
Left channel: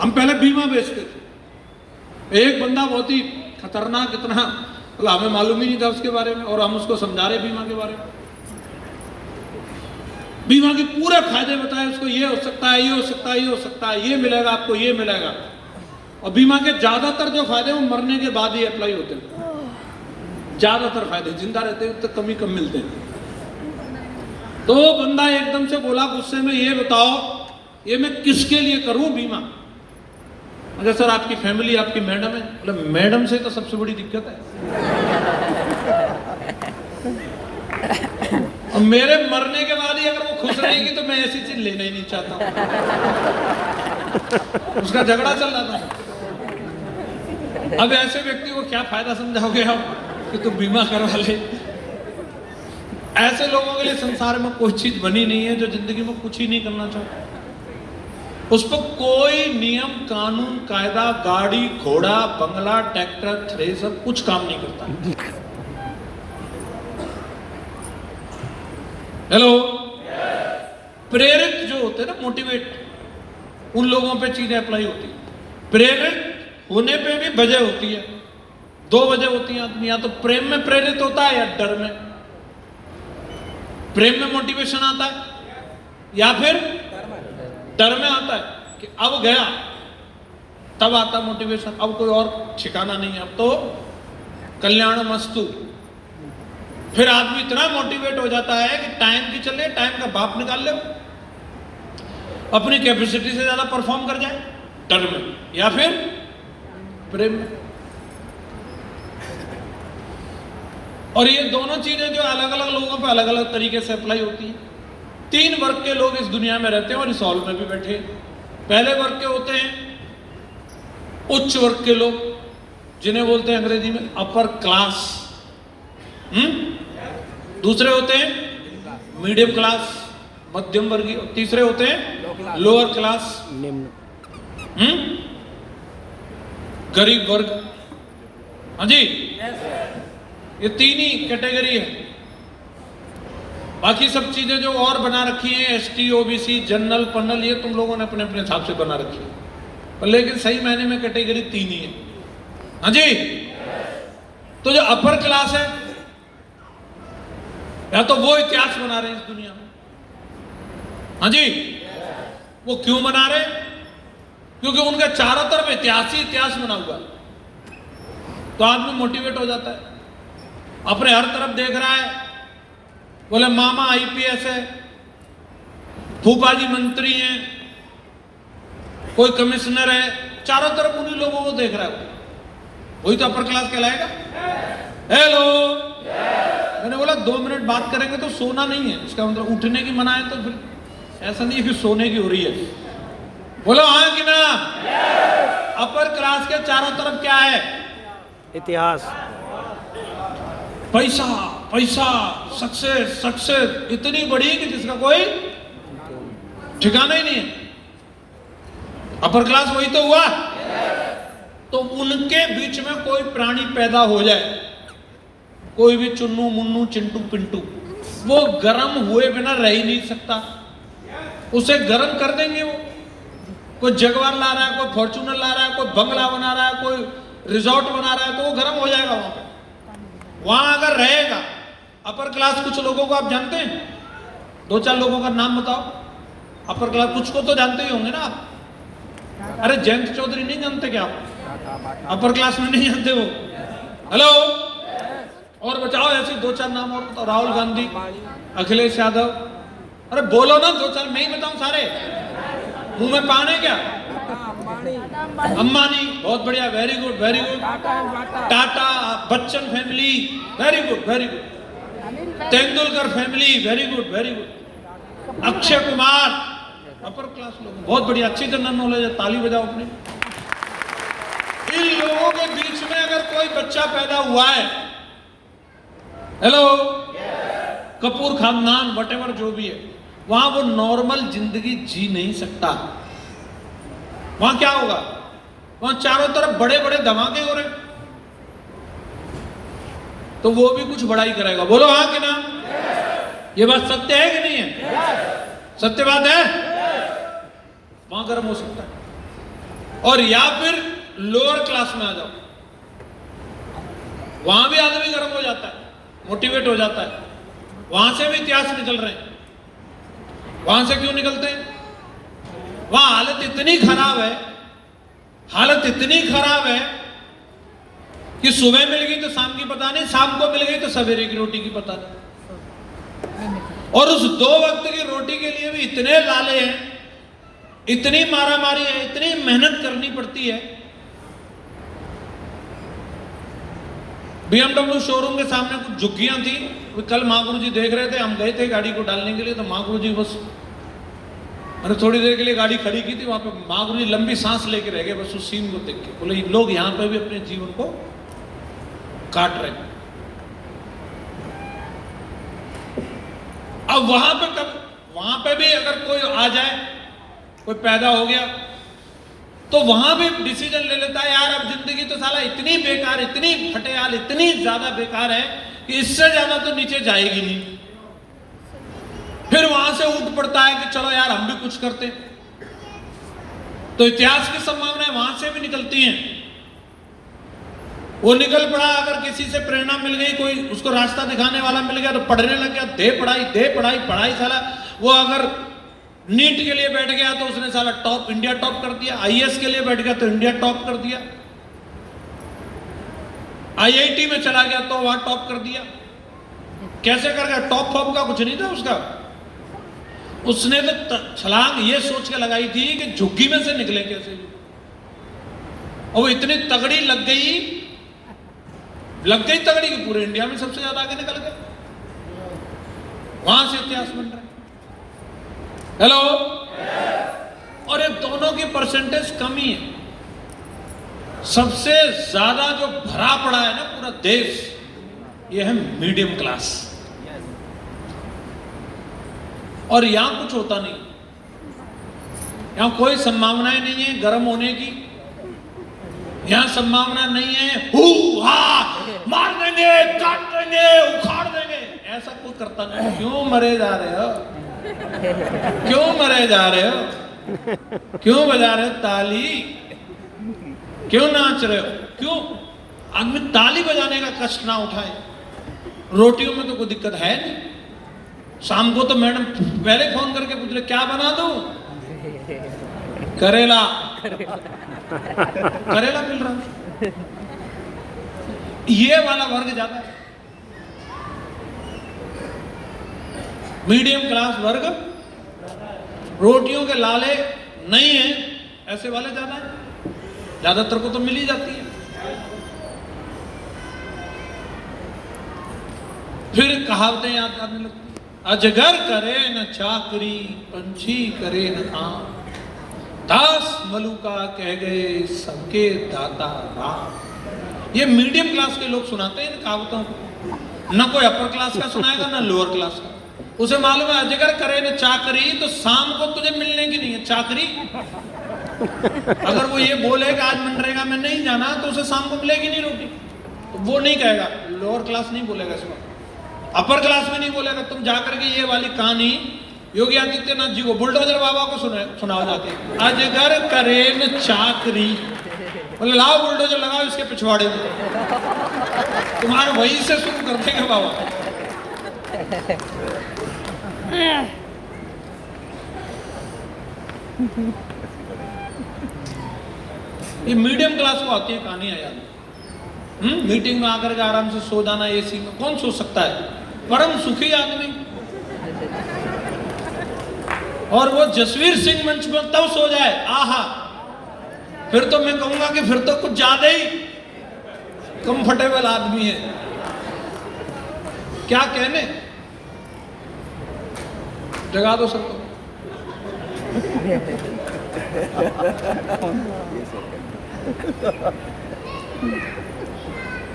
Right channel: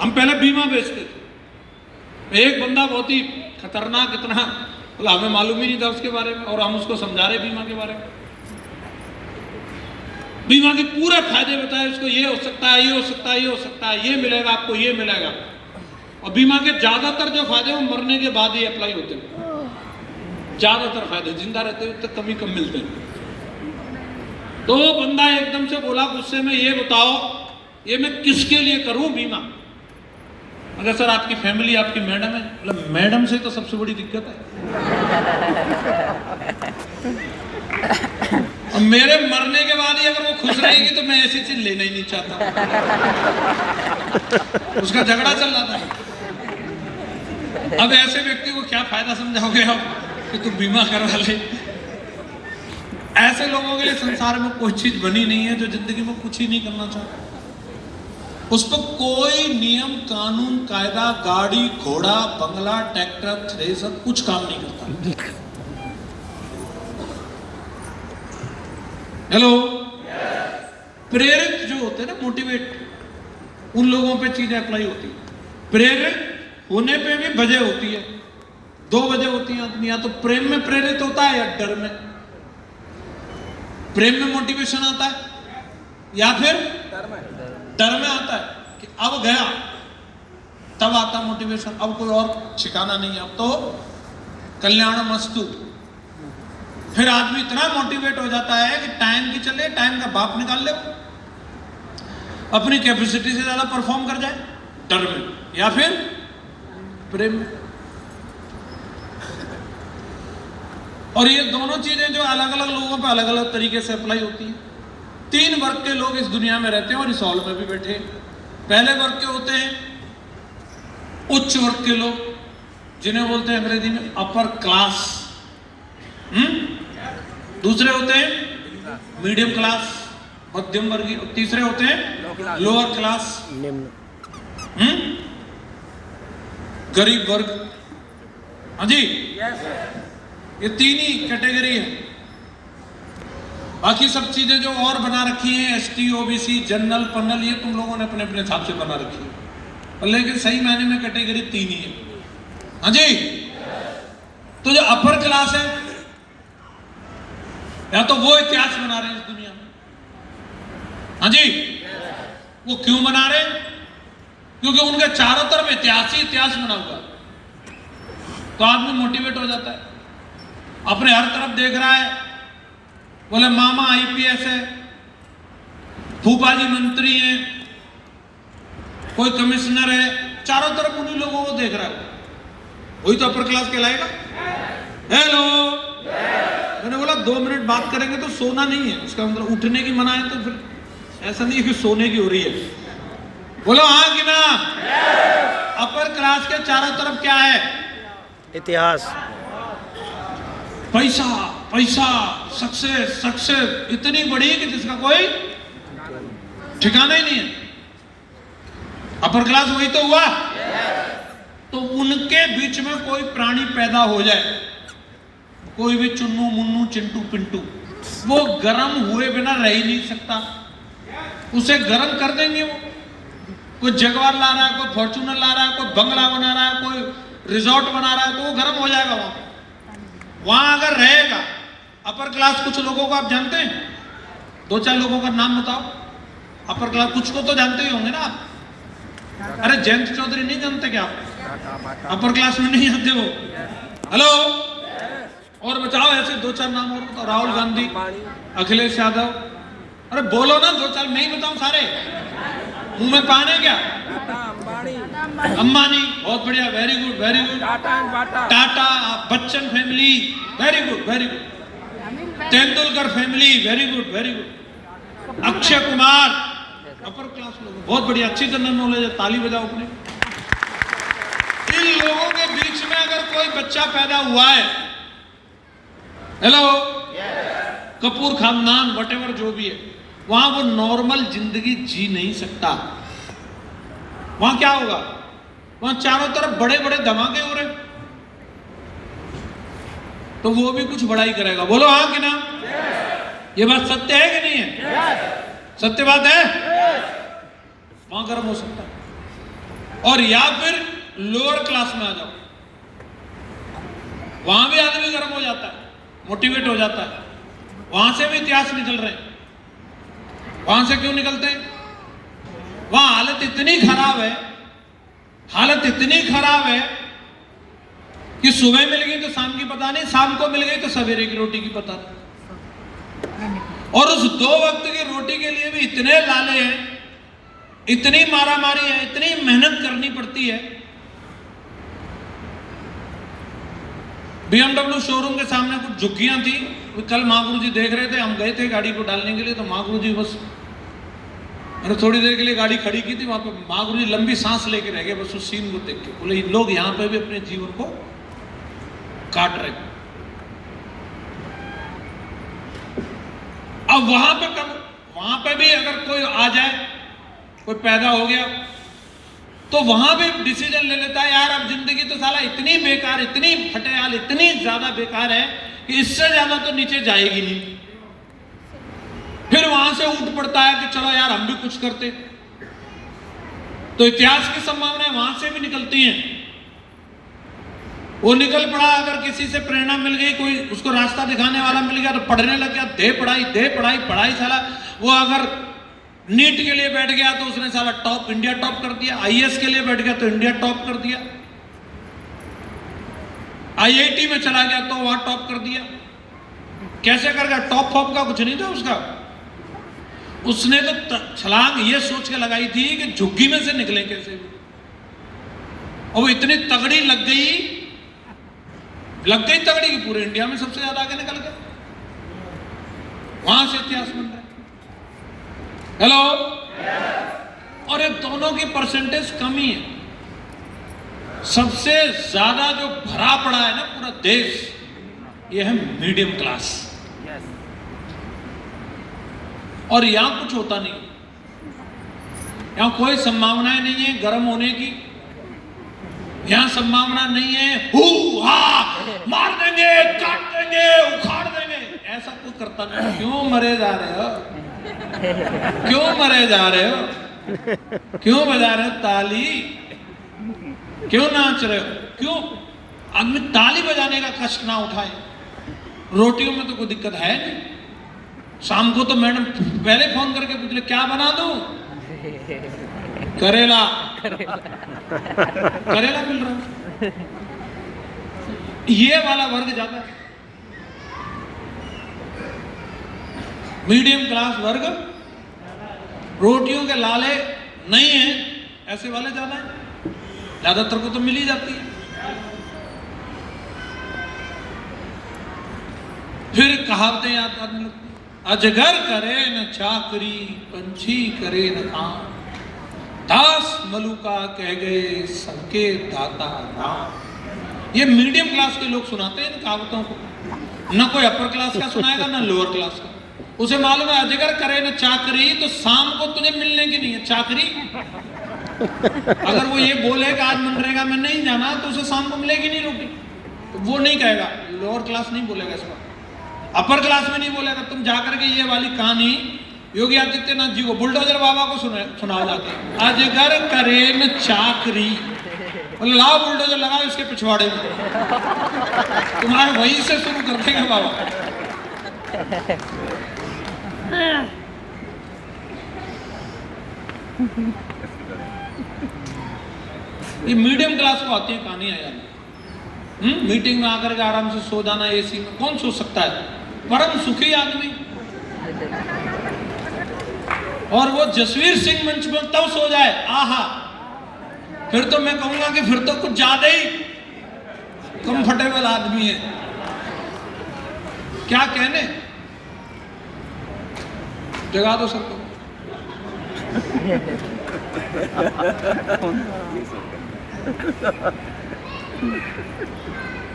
हम पहले बीमा बेचते थे। एक बंदा बहुत ही खतरनाक, इतना मतलब हमें मालूम ही नहीं था उसके बारे में, और हम उसको समझा रहे बीमा के बारे में। बीमा के पूरे फायदे बताए उसको, ये हो सकता है, ये हो सकता है, ये हो सकता है, ये मिलेगा आपको, ये मिलेगा। और बीमा के ज्यादातर जो फायदे वो मरने के बाद ही अप्लाई होते हैं। ज्यादातर फायदे जिंदा रहते हैं तो कम ही कम मिलते हैं। तो बंदा एकदम से बोला गुस्से में, ये बताओ ये मैं किसके लिए करूं बीमा? अगर सर आपकी फैमिली, आपकी मैडम है। मतलब मैडम से तो सबसे बड़ी दिक्कत है। और मेरे मरने के बाद ही अगर वो खुश रहेगी तो मैं ऐसी चीज लेना ही नहीं चाहता। उसका झगड़ा चल रहा था। अब ऐसे व्यक्ति को क्या फायदा समझाओगे आप कि तुम बीमा करवा ले? ऐसे लोगों के लिए संसार में कोई चीज बनी नहीं है जो जिंदगी में कुछ ही नहीं करना चाहता। उस पर कोई नियम, कानून, कायदा, गाड़ी, घोड़ा, बंगला, ट्रैक्टर, थ्रेसर कुछ काम नहीं करता। हेलो, प्रेरित जो होते हैं ना, मोटिवेट, उन लोगों पे चीजें अप्लाई होती है। प्रेरित होने पे भी वजह होती है, दो वजह होती है। आदमी या तो प्रेम में प्रेरित होता है या डर में। प्रेम में मोटिवेशन आता है या फिर डर में आता है कि अब गया, तब आता मोटिवेशन। अब कोई और ठिकाना नहीं है, अब तो कल्याण मस्तु। फिर आदमी इतना मोटिवेट हो जाता है कि टाइम की चले, टाइम का बाप निकाल ले, अपनी कैपेसिटी से ज्यादा परफॉर्म कर जाए, डर में या फिर प्रेम में। और ये दोनों चीजें जो अलग अलग लोगों पे अलग अलग तरीके से अप्लाई होती हैं। 3 वर्ग के लोग इस दुनिया में रहते हैं और इस हॉल में भी बैठे हैं। पहले वर्ग के होते हैं उच्च वर्ग के लोग, जिन्हें बोलते हैं अंग्रेजी में अपर क्लास। दूसरे होते हैं मीडियम क्लास, मध्यम वर्गीय। और तीसरे होते हैं लोअर क्लास, निम्न, गरीब वर्ग। हाँ जी, ये 3 ही कैटेगरी है। बाकी सब चीजें जो और बना रखी हैं, एसटी, ओबीसी, जनरल, पंडल, ये तुम लोगों ने अपने अपने हिसाब से बना रखी है, पर लेकिन सही मायने में कैटेगरी 3 ही है। हाँ जी, तो जो अपर क्लास है, या तो वो इतिहास बना रहे हैं इस दुनिया में। हाँ जी, वो क्यों बना रहे? क्योंकि उनके चारों तरफ इतिहास ही इतिहास बना हुआ। तो आदमी मोटिवेट हो जाता है, अपने हर तरफ देख रहा है, बोले मामा आईपीएस है, फूफा जी मंत्री हैं, कोई कमिश्नर है, चारों तरफ उन्हीं लोगों को देख रहा है। वही तो अपर क्लास कहलाएगा। हेलो, मैंने बोला 2 मिनट बात करेंगे तो सोना नहीं है, इसका मतलब उठने की मना है। तो फिर ऐसा नहीं है कि सोने की हो रही है। बोलो हाँ कि ना? अपर क्लास के चारों तरफ क्या है? इतिहास, पैसा, पैसा, सक्सेस, सक्सेस इतनी बड़ी कि जिसका कोई ठिकाना ही नहीं है। अपर क्लास वही तो हुआ। तो उनके बीच में कोई प्राणी पैदा हो जाए, कोई भी चुन्नू मुन्नू चिंटू पिंटू, वो गर्म हुए बिना रह ही नहीं सकता। उसे गर्म कर देंगे वो। कोई जगवार ला रहा है, कोई फॉर्च्यूनर ला रहा है, कोई बंगला बना रहा है, कोई रिजॉर्ट बना रहा है, तो वो गर्म हो जाएगा वहां अगर रहेगा। अपर क्लास कुछ लोगों को आप जानते हैं? 2-4 लोगों का नाम बताओ। अपर क्लास कुछ को तो जानते ही होंगे ना। अरे जयंत चौधरी नहीं जानते क्या? अपर क्लास में नहीं आते वो। हेलो, और बचाओ ऐसे 2-4 नाम और बताओ। राहुल गांधी, अखिलेश यादव। अरे बोलो ना 2-4, मैं ही बताऊं सारे? मुंह में पान है क्या? अंबानी, बहुत बढ़िया, very good very good. Tata, Bachchan family, very good very good. Tendulkar family, very good very good. Akshay Kumar, upper class लोग, बहुत बढ़िया, अच्छी जनरल नॉलेज है, ताली बजाओ अपने। इन लोगों के बीच में अगर कोई बच्चा पैदा हुआ है, हेलो, कपूर खानदान, वटेवर जो भी है, वहां वो नॉर्मल जिंदगी जी नहीं सकता। वहां क्या होगा? वहां चारों तरफ बड़े बड़े धमाके हो रहे, तो वो भी कुछ बड़ा ही करेगा। बोलो हाँ कि ना? ये बात सत्य है कि नहीं है? सत्य बात है। वहां गर्म हो सकता है। और या फिर लोअर क्लास में आ जाओ, वहां भी आदमी गर्म हो जाता है, मोटिवेट हो जाता है। वहां से भी इतिहास निकल रहे हैं। वहां से क्यों निकलते हैं? वहां हालत इतनी खराब है, हालत इतनी खराब है कि सुबह मिल गई तो शाम की पता नहीं, शाम को मिल गई तो सवेरे की रोटी की पता नहीं। और उस 2 वक्त की रोटी के लिए भी इतने लाले हैं, इतनी मारामारी है, इतनी मेहनत करनी पड़ती है। BMW शोरूम के सामने कुछ झुग्गियां थी, कल महागुरु जी देख रहे थे, हम गए थे गाड़ी को डालने के लिए, तो महागुरु जी बस मैंने थोड़ी देर के लिए गाड़ी खड़ी की थी, वहां पे महागुरु जी लंबी सांस लेके रह गए बस उस सीन को देख के। बोले लोग यहाँ पे भी अपने जीवन को काट रहे हैं। अब वहां पे कब, वहां पे भी अगर कोई आ जाए, कोई पैदा हो गया, तो वहां भी डिसीजन ले लेता है, यार अब जिंदगी तो साला इतनी बेकार, इतनी फटेहाल, इतनी ज्यादा बेकार है कि इससे ज्यादा तो नीचे जाएगी नहीं। फिर वहां से उठ पड़ता है कि चलो यार हम भी कुछ करते। तो इतिहास की संभावनाएं वहां से भी निकलती हैं। वो निकल पड़ा, अगर किसी से प्रेरणा मिल गई, कोई उसको रास्ता दिखाने वाला मिल गया तो पढ़ने लग गया, दे पढ़ाई पढ़ाई साला। वो अगर नीट के लिए बैठ गया तो उसने साला टॉप, इंडिया टॉप कर दिया। आईएएस के लिए बैठ गया तो इंडिया टॉप कर दिया। आईआईटी में चला गया तो वहां टॉप कर दिया। कैसे कर गया? टॉप फॉप का कुछ नहीं था उसका। उसने तो छलांग ये सोच के लगाई थी कि झुग्गी में से निकले कैसे भी, और वो इतनी तगड़ी लग गई तगड़ी कि पूरे इंडिया में सबसे ज्यादा आगे निकल गए। वहां से इतिहास बन रहा है। हेलो, और ये दोनों की परसेंटेज कम ही है। सबसे ज्यादा जो भरा पड़ा है ना पूरा देश, ये है मीडियम क्लास। और यहां कुछ होता नहीं, यहां कोई संभावनाएं नहीं है गर्म होने की। यहां संभावना नहीं है मार देंगे, काट देंगे, उखाड़ देंगे, ऐसा कोई करता नहीं। क्यों मरे जा रहे हो? क्यों मरे जा रहे हो? क्यों बजा रहे हो ताली? क्यों नाच रहे हो? क्यों आदमी ताली बजाने का कष्ट ना उठाए? रोटियों में तो कोई दिक्कत है नहीं। शाम को तो मैडम पहले फोन करके पूछ रहे क्या बना दूं? करेला मिल रहा है। ये वाला वर्ग ज्यादा है। मीडियम क्लास वर्ग, रोटियों के लाले नहीं है, ऐसे वाले ज्यादा है। ज्यादातर को तो मिल ही जाती है। फिर कहावतें याद करने लगती, अजगर करे न चाकरी, पंछी करे न काम, दास मलुका कह गए सबके दाता राम। ये मीडियम क्लास के लोग सुनाते हैं इन कहावतों को। न कोई अपर क्लास का सुनाएगा ना लोअर क्लास का। उसे मालूम है अजगर करे न चाकरी, तो शाम को तुझे मिलने की नहीं है चाकरी। अगर वो ये बोले कि आज मनरेगा में नहीं जाना तो उसे शाम को मिलेगी नहीं रोटी, तो वो नहीं कहेगा। लोअर क्लास नहीं बोलेगा इसको, अपर क्लास में नहीं बोलेगा। तुम जाकर के ये वाली कहानी योगी आदित्यनाथ जी को, बुलडोजर बाबा को सुनाओ जाते, अजगर करे न चाकरी, बोले लाओ बुलडोजर लगाओ इसके पिछवाड़े में, तुम्हारे वहीं से शुरू कर देंगे बाबा। ये मीडियम क्लास को आती है कहानियां याद। मीटिंग में आकर के आराम से सो जाना, एसी में कौन सो सकता है? परम सुखी आदमी। और वो जसवीर सिंह मंच में तब सो जाए, आहा, फिर तो मैं कहूंगा कि फिर तो कुछ ज्यादा ही कंफर्टेबल आदमी है। क्या कहने, जगा दो सबको।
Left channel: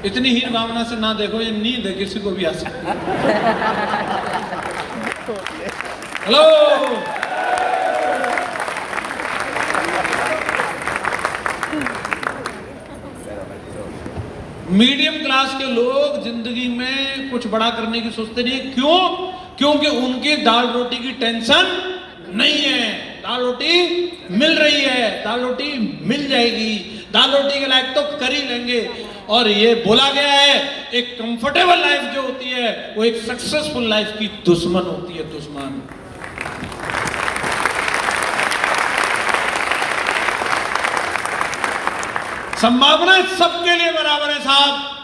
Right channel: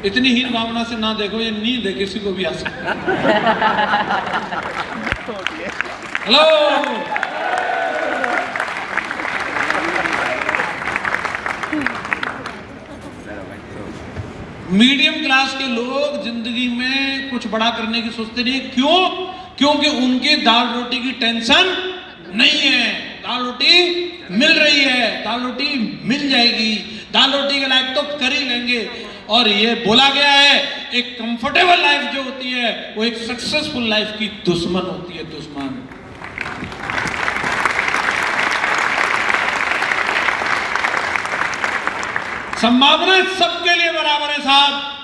इतनी हीन भावना से ना देखो, ये नींद है, किसी को भी आ सकती है। हेलो, मीडियम क्लास के लोग जिंदगी में कुछ बड़ा करने की सोचते नहीं। क्यों? क्योंकि उनकी दाल रोटी की टेंशन नहीं है। दाल रोटी मिल रही है, दाल रोटी मिल जाएगी, दाल रोटी के लायक तो कर ही लेंगे। और ये बोला गया है, एक कंफर्टेबल लाइफ जो होती है वो एक सक्सेसफुल लाइफ की दुश्मन होती है, दुश्मन। संभावना सबके लिए बराबर है साहब।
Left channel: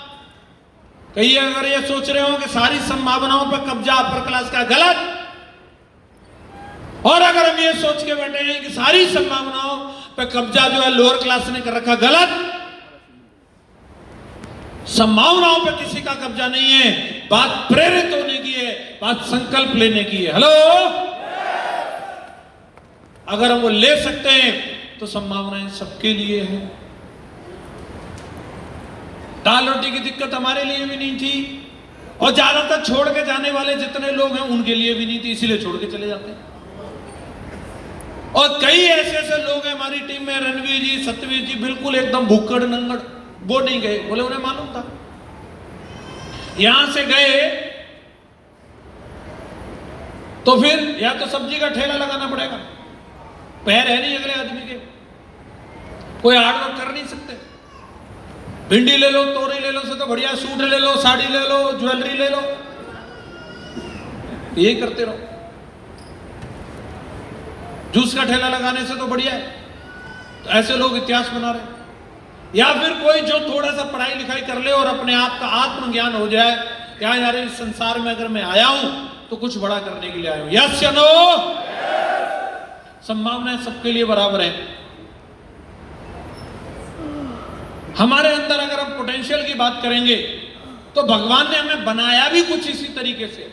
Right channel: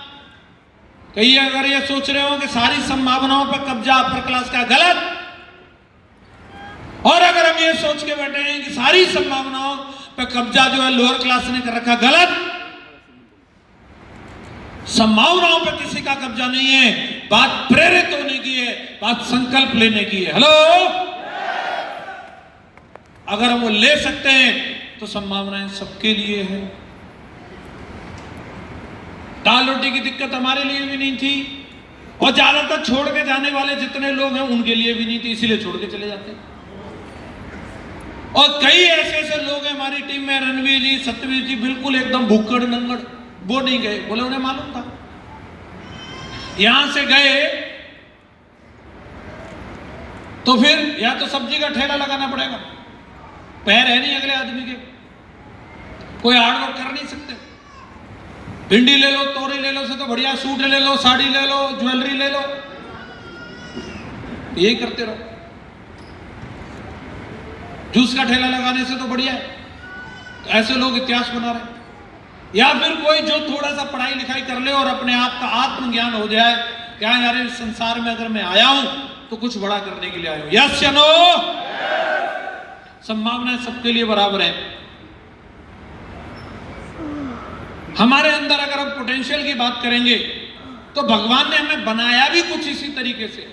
कहीं अगर ये सोच रहे हो कि सारी संभावनाओं पर कब्जा अपर क्लास का, गलत। और अगर हम ये सोच के बैठे हैं कि सारी संभावनाओं पर कब्जा जो है लोअर क्लास ने कर रखा, गलत। संभावनाओं पर किसी का कब्जा नहीं है। बात प्रेरित होने की है, बात संकल्प लेने की है। हेलो, अगर हम वो ले सकते हैं तो संभावनाएं सबके लिए है। दाल रोटी की दिक्कत हमारे लिए भी नहीं थी, और ज्यादातर छोड़ के जाने वाले जितने लोग हैं उनके लिए भी नहीं थी, इसीलिए छोड़ के चले जाते हैं। और कई ऐसे ऐसे लोग हैं हमारी टीम में, रणवीर जी, सत्यवीर जी, बिल्कुल एकदम भुक्कड़ नंगड़, वो नहीं गए, बोले उन्हें मालूम था। यहां से गए तो फिर या तो सब्जी का ठेला लगाना पड़ेगा, पैर है नहीं अगले आदमी के, कोई हार्ड वर्क कर नहीं सकते, भिंडी ले लो, तोरी ले लो, से तो बढ़िया सूट ले लो, साड़ी ले लो, ज्वेलरी ले लो, यही करते रहो। जूस का ठेला लगाने से तो बढ़िया है। तो ऐसे लोग इतिहास बना रहे हैं। या फिर कोई जो थोड़ा सा पढ़ाई लिखाई कर ले और अपने आप का आत्मज्ञान हो जाए, क्या यार इस संसार में अगर मैं आया हूं तो कुछ बड़ा करने के लिए आया हूं। यस या नो? संभावनाएं सबके लिए बराबर है। हमारे अंदर अगर हम पोटेंशियल की बात करेंगे तो भगवान ने हमें बनाया भी कुछ इसी तरीके से।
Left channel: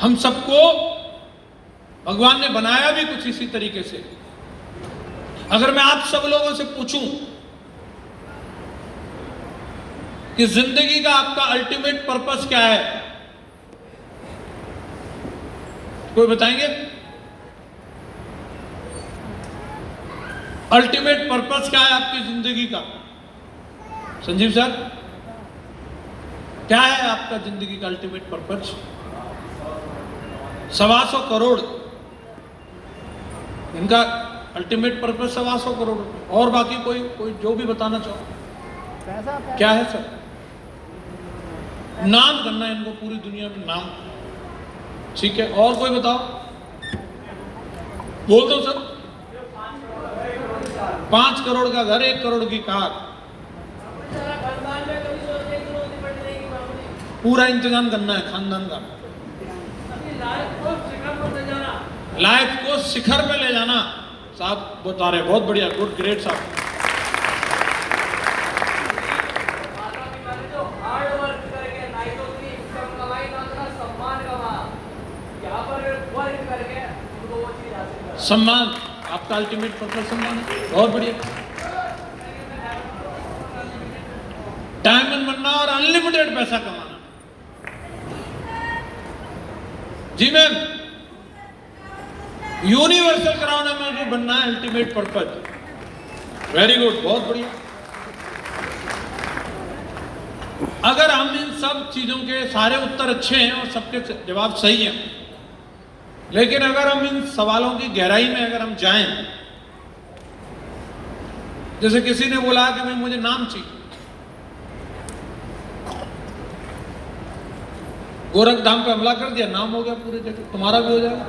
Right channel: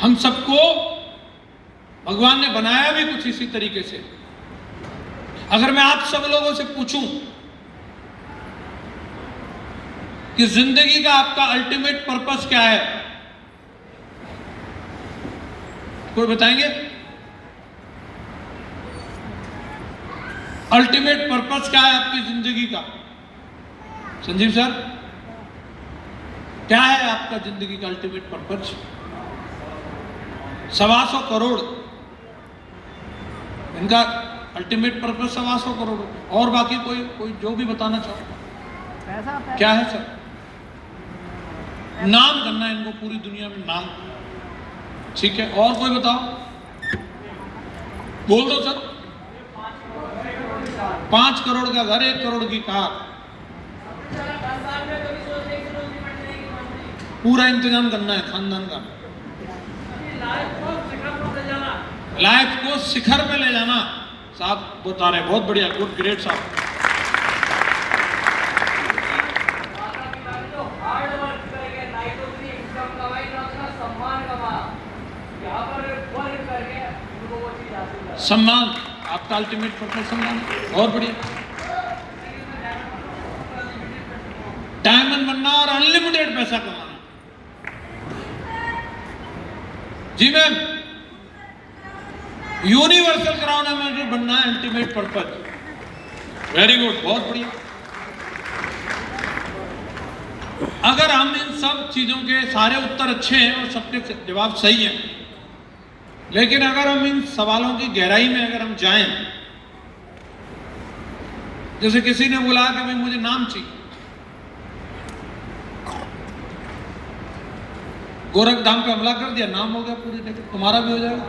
हम सबको भगवान ने बनाया भी कुछ इसी तरीके से। अगर मैं आप सब लोगों से पूछूं कि जिंदगी का आपका अल्टीमेट पर्पस क्या है, कोई बताएंगे? अल्टीमेट पर्पस क्या है आपकी जिंदगी का? संजीव सर, क्या है आपका जिंदगी का अल्टीमेट पर्पस? 125 करोड़ इनका अल्टीमेट पर्पस 125 करोड़। और बाकी कोई जो भी बताना चाहो। क्या है सर? नाम करना है इनको पूरी दुनिया में, नाम। ठीक है, और कोई बताओ, बोल दो सर। 5 करोड़ का घर, 1 करोड़ की कार, पूरा इंतजाम करना है खानदान का। लाइफ को शिखर पे ले जाना। साहब बता रहे, बहुत बढ़िया, गुड, ग्रेट साहब। सम्मान, आपका अल्टीमेट पर्पस सम्मान, बहुत बढ़िया। डायमंड बनना और अनलिमिटेड पैसा कमाना। जी मैम, यूनिवर्सल क्राउन में जो बनना है अल्टीमेट पर्पस। वेरी गुड, बहुत बढ़िया। अगर हम इन सब चीजों के सारे उत्तर अच्छे हैं और सबके जवाब सही हैं, लेकिन अगर हम इन सवालों की गहराई में अगर हम जाएं, जैसे किसी ने बोला कि भाई मुझे नाम चाहिए, गोरखधाम पे हमला कर दिया, नाम हो गया पूरी जगह, तुम्हारा भी हो जाएगा।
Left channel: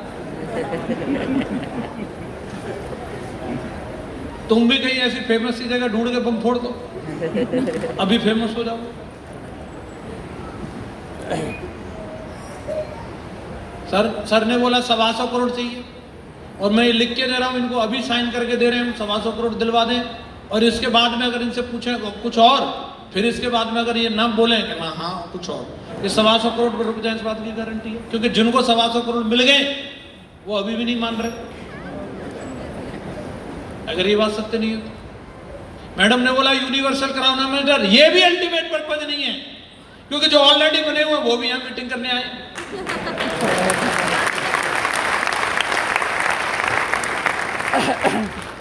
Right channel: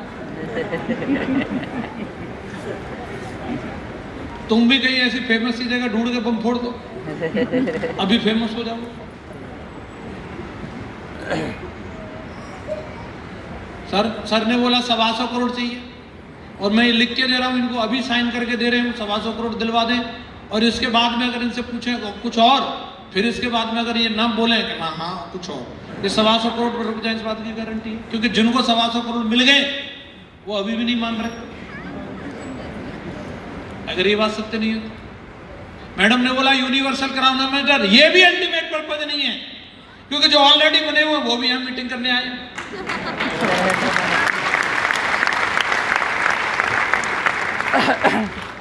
तुम भी कहीं ऐसी फेमस सी जगह ढूंढ के बम फोड़ दो, अभी फेमस हो जाओ। सर ने बोला 125 करोड़ चाहिए, और मैं ये लिख के दे रहा हूं इनको, अभी साइन करके दे रहे हैं, 125 करोड़ दिलवा दें। और इसके बाद में अगर इनसे पूछे कुछ और, फिर इसके बाद में अगर ये ना बोले कि हाँ कुछ और, ये 125 करोड़ पर रुक जाए, इस बात की गारंटी है। क्योंकि जिनको 125 करोड़ मिल गए वो अभी भी नहीं मान रहे। अगर ये बात सत्य नहीं है तो मैडम ने बोला यूनिवर्सल क्राउन मेटर, ये भी अल्टीमेट पर्पज नहीं है, क्योंकि जो ऑलरेडी बने हुए वो भी यहां मीटिंग करने आए।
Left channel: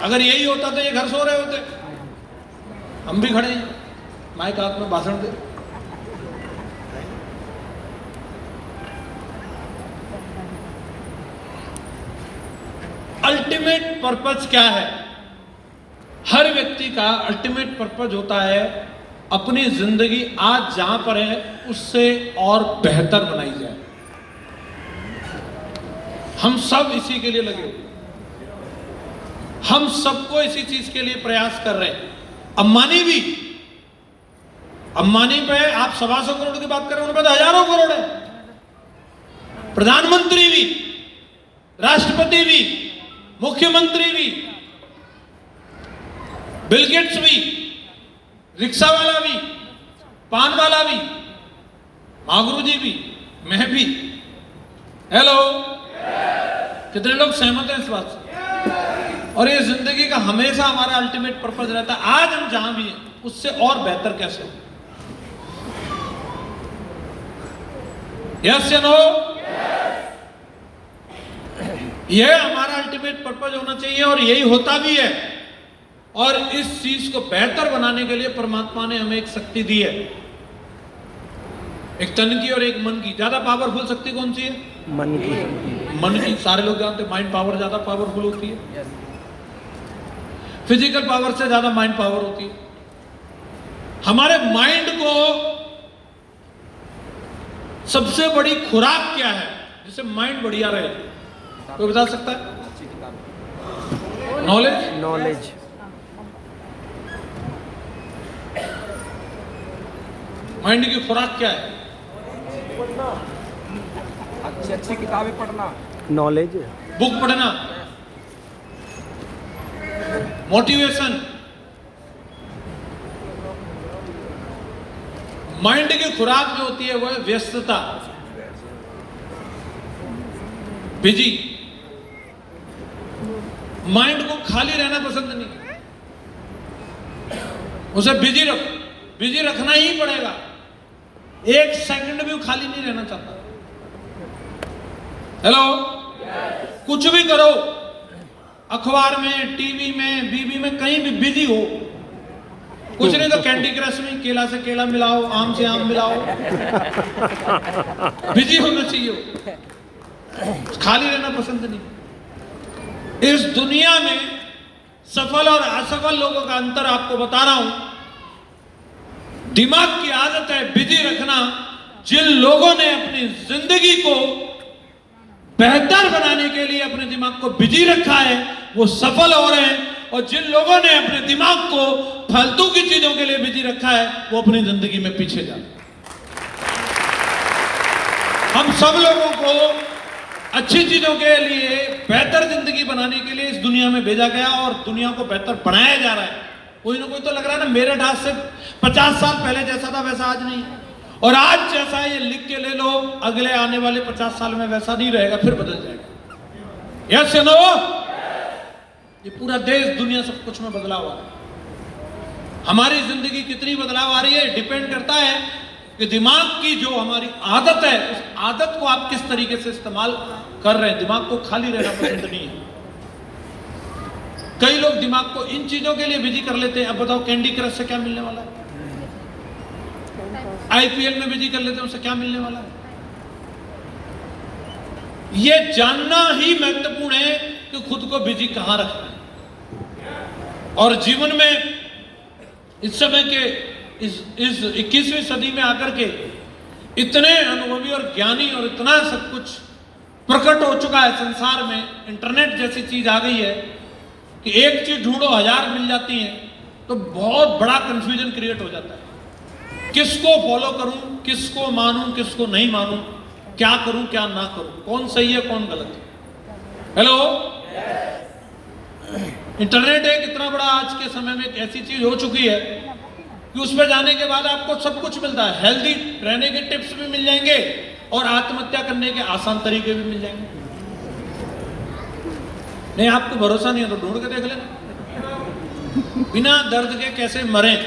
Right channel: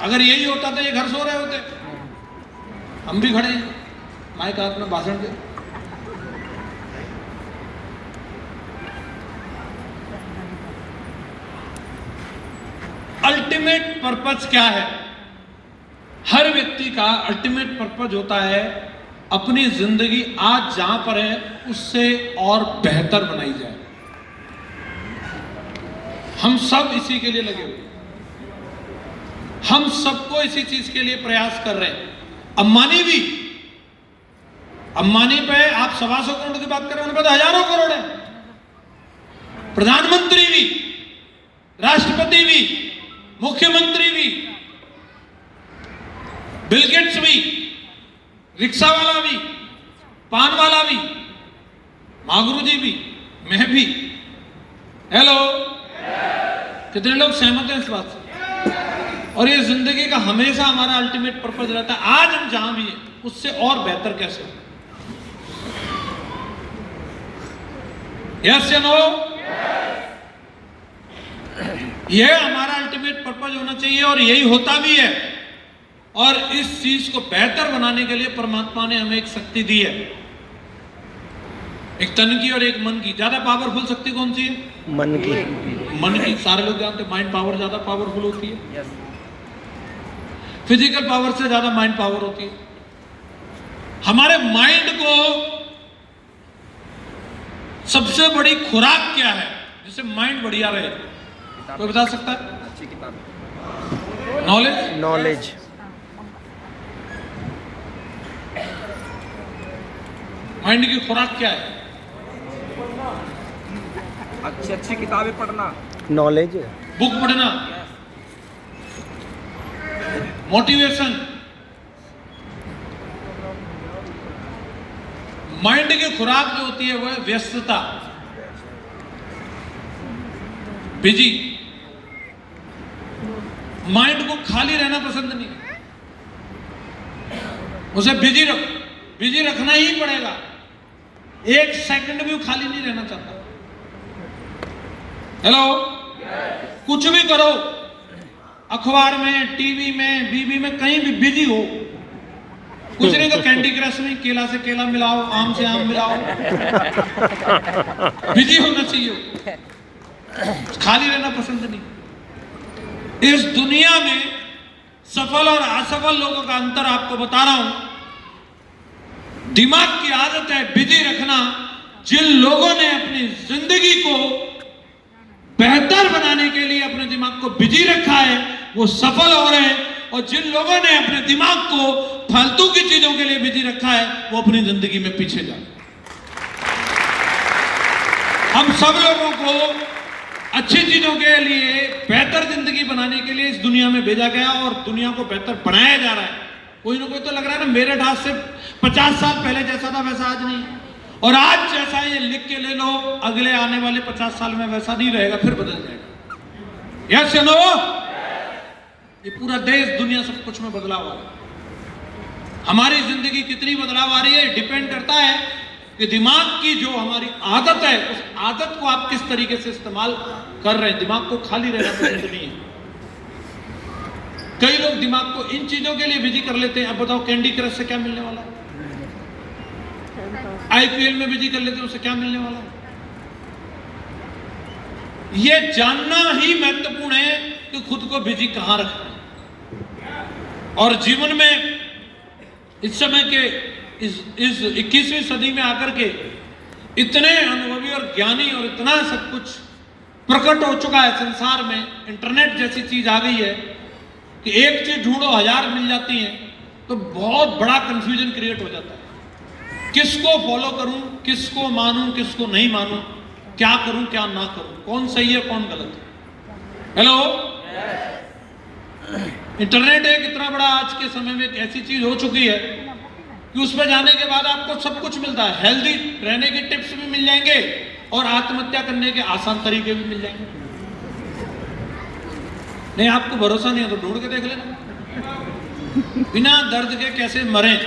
अगर यही होता तो ये घर सो रहे होते, हम भी खड़े हैं माइक हाथ में भाषण दे। अल्टीमेट पर्पस क्या है? हर व्यक्ति का अल्टीमेट पर्पस होता है अपनी जिंदगी आज जहां पर है उससे और बेहतर बनाई जाए। हम सब इसी के लिए लगे हुए, हम सबको इसी चीज के लिए प्रयास कर रहे हैं। अंबानी पे आप 125 करोड़ की बात कर रहे हैं, उनके पास हजारों करोड़ है। प्रधानमंत्री भी, राष्ट्रपति भी, मुख्यमंत्री भी, बिल गेट्स भी, रिक्शा वाला भी, पान वाला भी, मागरू जी भी, मैं भी। हेलो, कितने लोग सहमत हैं इस बात से? और ये जिंदगी का हमेशा हमारा अल्टीमेट पर्पस रहता है, आज हम जहां भी हैं उससे और बेहतर कैसे हो। यस या नो? यह हमारा अल्टीमेट पर्पस होना चाहिए और यही होता भी है। और इस चीज को बेहतर बनाने के लिए परमात्मा ने हमें एक शक्ति दी है, एक तन की और एक मन की। ज्यादा पावरफुल शक्ति कौन सी है? मन की। मन की। सारे लोग जानते हैं माइंड पावर ज्यादा पावरफुल होती है। फिजिकल पावर से ज्यादा माइंड पावर होती है। हमारे माइंड को सबसे बड़ी खुराक क्या है जिससे माइंड बढ़िया रहे? कोई बता सकता है? नॉलेज। नॉलेज। माइंड की खुराक क्या है? अच्छी अच्छी किताबें पढ़ना, नॉलेज। बुक पढ़ना, मोटिवेशन। माइंड की खुराक जो होती है वो है व्यस्तता, बिजी। माइंड को खाली रहना पसंद नहीं, उसे बिजी रखना ही पड़ेगा। एक सेकंड भी वो खाली नहीं रहना चाहता। हेलो, कुछ भी करो, अखबार में, टीवी में, बीवी में, कहीं भी बिजी हो। कुछ नहीं तो कैंडी क्रश में केला से केला मिलाओ, आम से आम मिलाओ। बिजी होना चाहिए, खाली रहना पसंद नहीं। इस दुनिया में सफल और असफल लोगों का अंतर आपको बता रहा हूं। दिमाग की आदत है बिजी रखना। जिन लोगों ने अपनी जिंदगी को बेहतर बनाने के लिए अपने दिमाग को बिजी रखा है वो सफल हो रहे हैं, और जिन लोगों ने अपने दिमाग को फालतू की चीजों के लिए बिजी रखा है वो अपनी जिंदगी में पीछे जा रहे हैं। हम सब लोगों को अच्छी चीजों के लिए, बेहतर जिंदगी बनाने के लिए इस दुनिया में भेजा गया और दुनिया को बेहतर बनाया जा रहा है। कोई ना कोई तो लग रहा है ना मेरे ढास से 50 साल पहले जैसा था वैसा आज नहीं है, और आज जैसा ये लिख के ले लो, अगले आने वाले 50 साल में वैसा नहीं रहेगा, फिर बदल जाएगा। Yes no? ये पूरा देश, दुनिया, सब कुछ में बदलाव आ रहा है। हमारी जिंदगी कितनी बदलाव आ रही है डिपेंड करता है कि दिमाग की जो हमारी आदत है उस आदत को आप किस तरीके से इस्तेमाल कर रहे हैं। दिमाग को खाली रहना पसंद नहीं है। कई लोग दिमाग को इन चीजों के लिए बिजी कर लेते हैं। अब बताओ, कैंडी क्रश से क्या मिलने वाला है? आईपीएल में बिजी कर लेते हैं, उससे क्या मिलने वाला है? यह जानना ही महत्वपूर्ण है कि खुद को बिजी कहां रखना है। और जीवन में इस समय के इस 21वीं सदी में आकर के इतने अनुभवी और ज्ञानी और इतना सब कुछ प्रकट हो चुका है संसार में, इंटरनेट जैसी चीज आ गई है कि एक चीज ढूंढो 1000 मिल जाती है, तो बहुत बड़ा कंफ्यूजन क्रिएट हो जाता है। किसको फॉलो करूं, किसको मानूं, किसको नहीं मानूं, क्या करूं, क्या ना करूं, कौन सही है, कौन गलत है। हेलो, इंटरनेट एक इतना बड़ा आज के समय में एक ऐसी चीज हो चुकी है कि उस पर जाने के बाद आपको सब कुछ मिलता है। हेल्दी रहने के टिप्स भी मिल जाएंगे और आत्महत्या करने के आसान तरीके भी मिल जाएंगे। नहीं, आपको भरोसा नहीं है तो ढूंढ के देख लेना, बिना दर्द के कैसे मरें।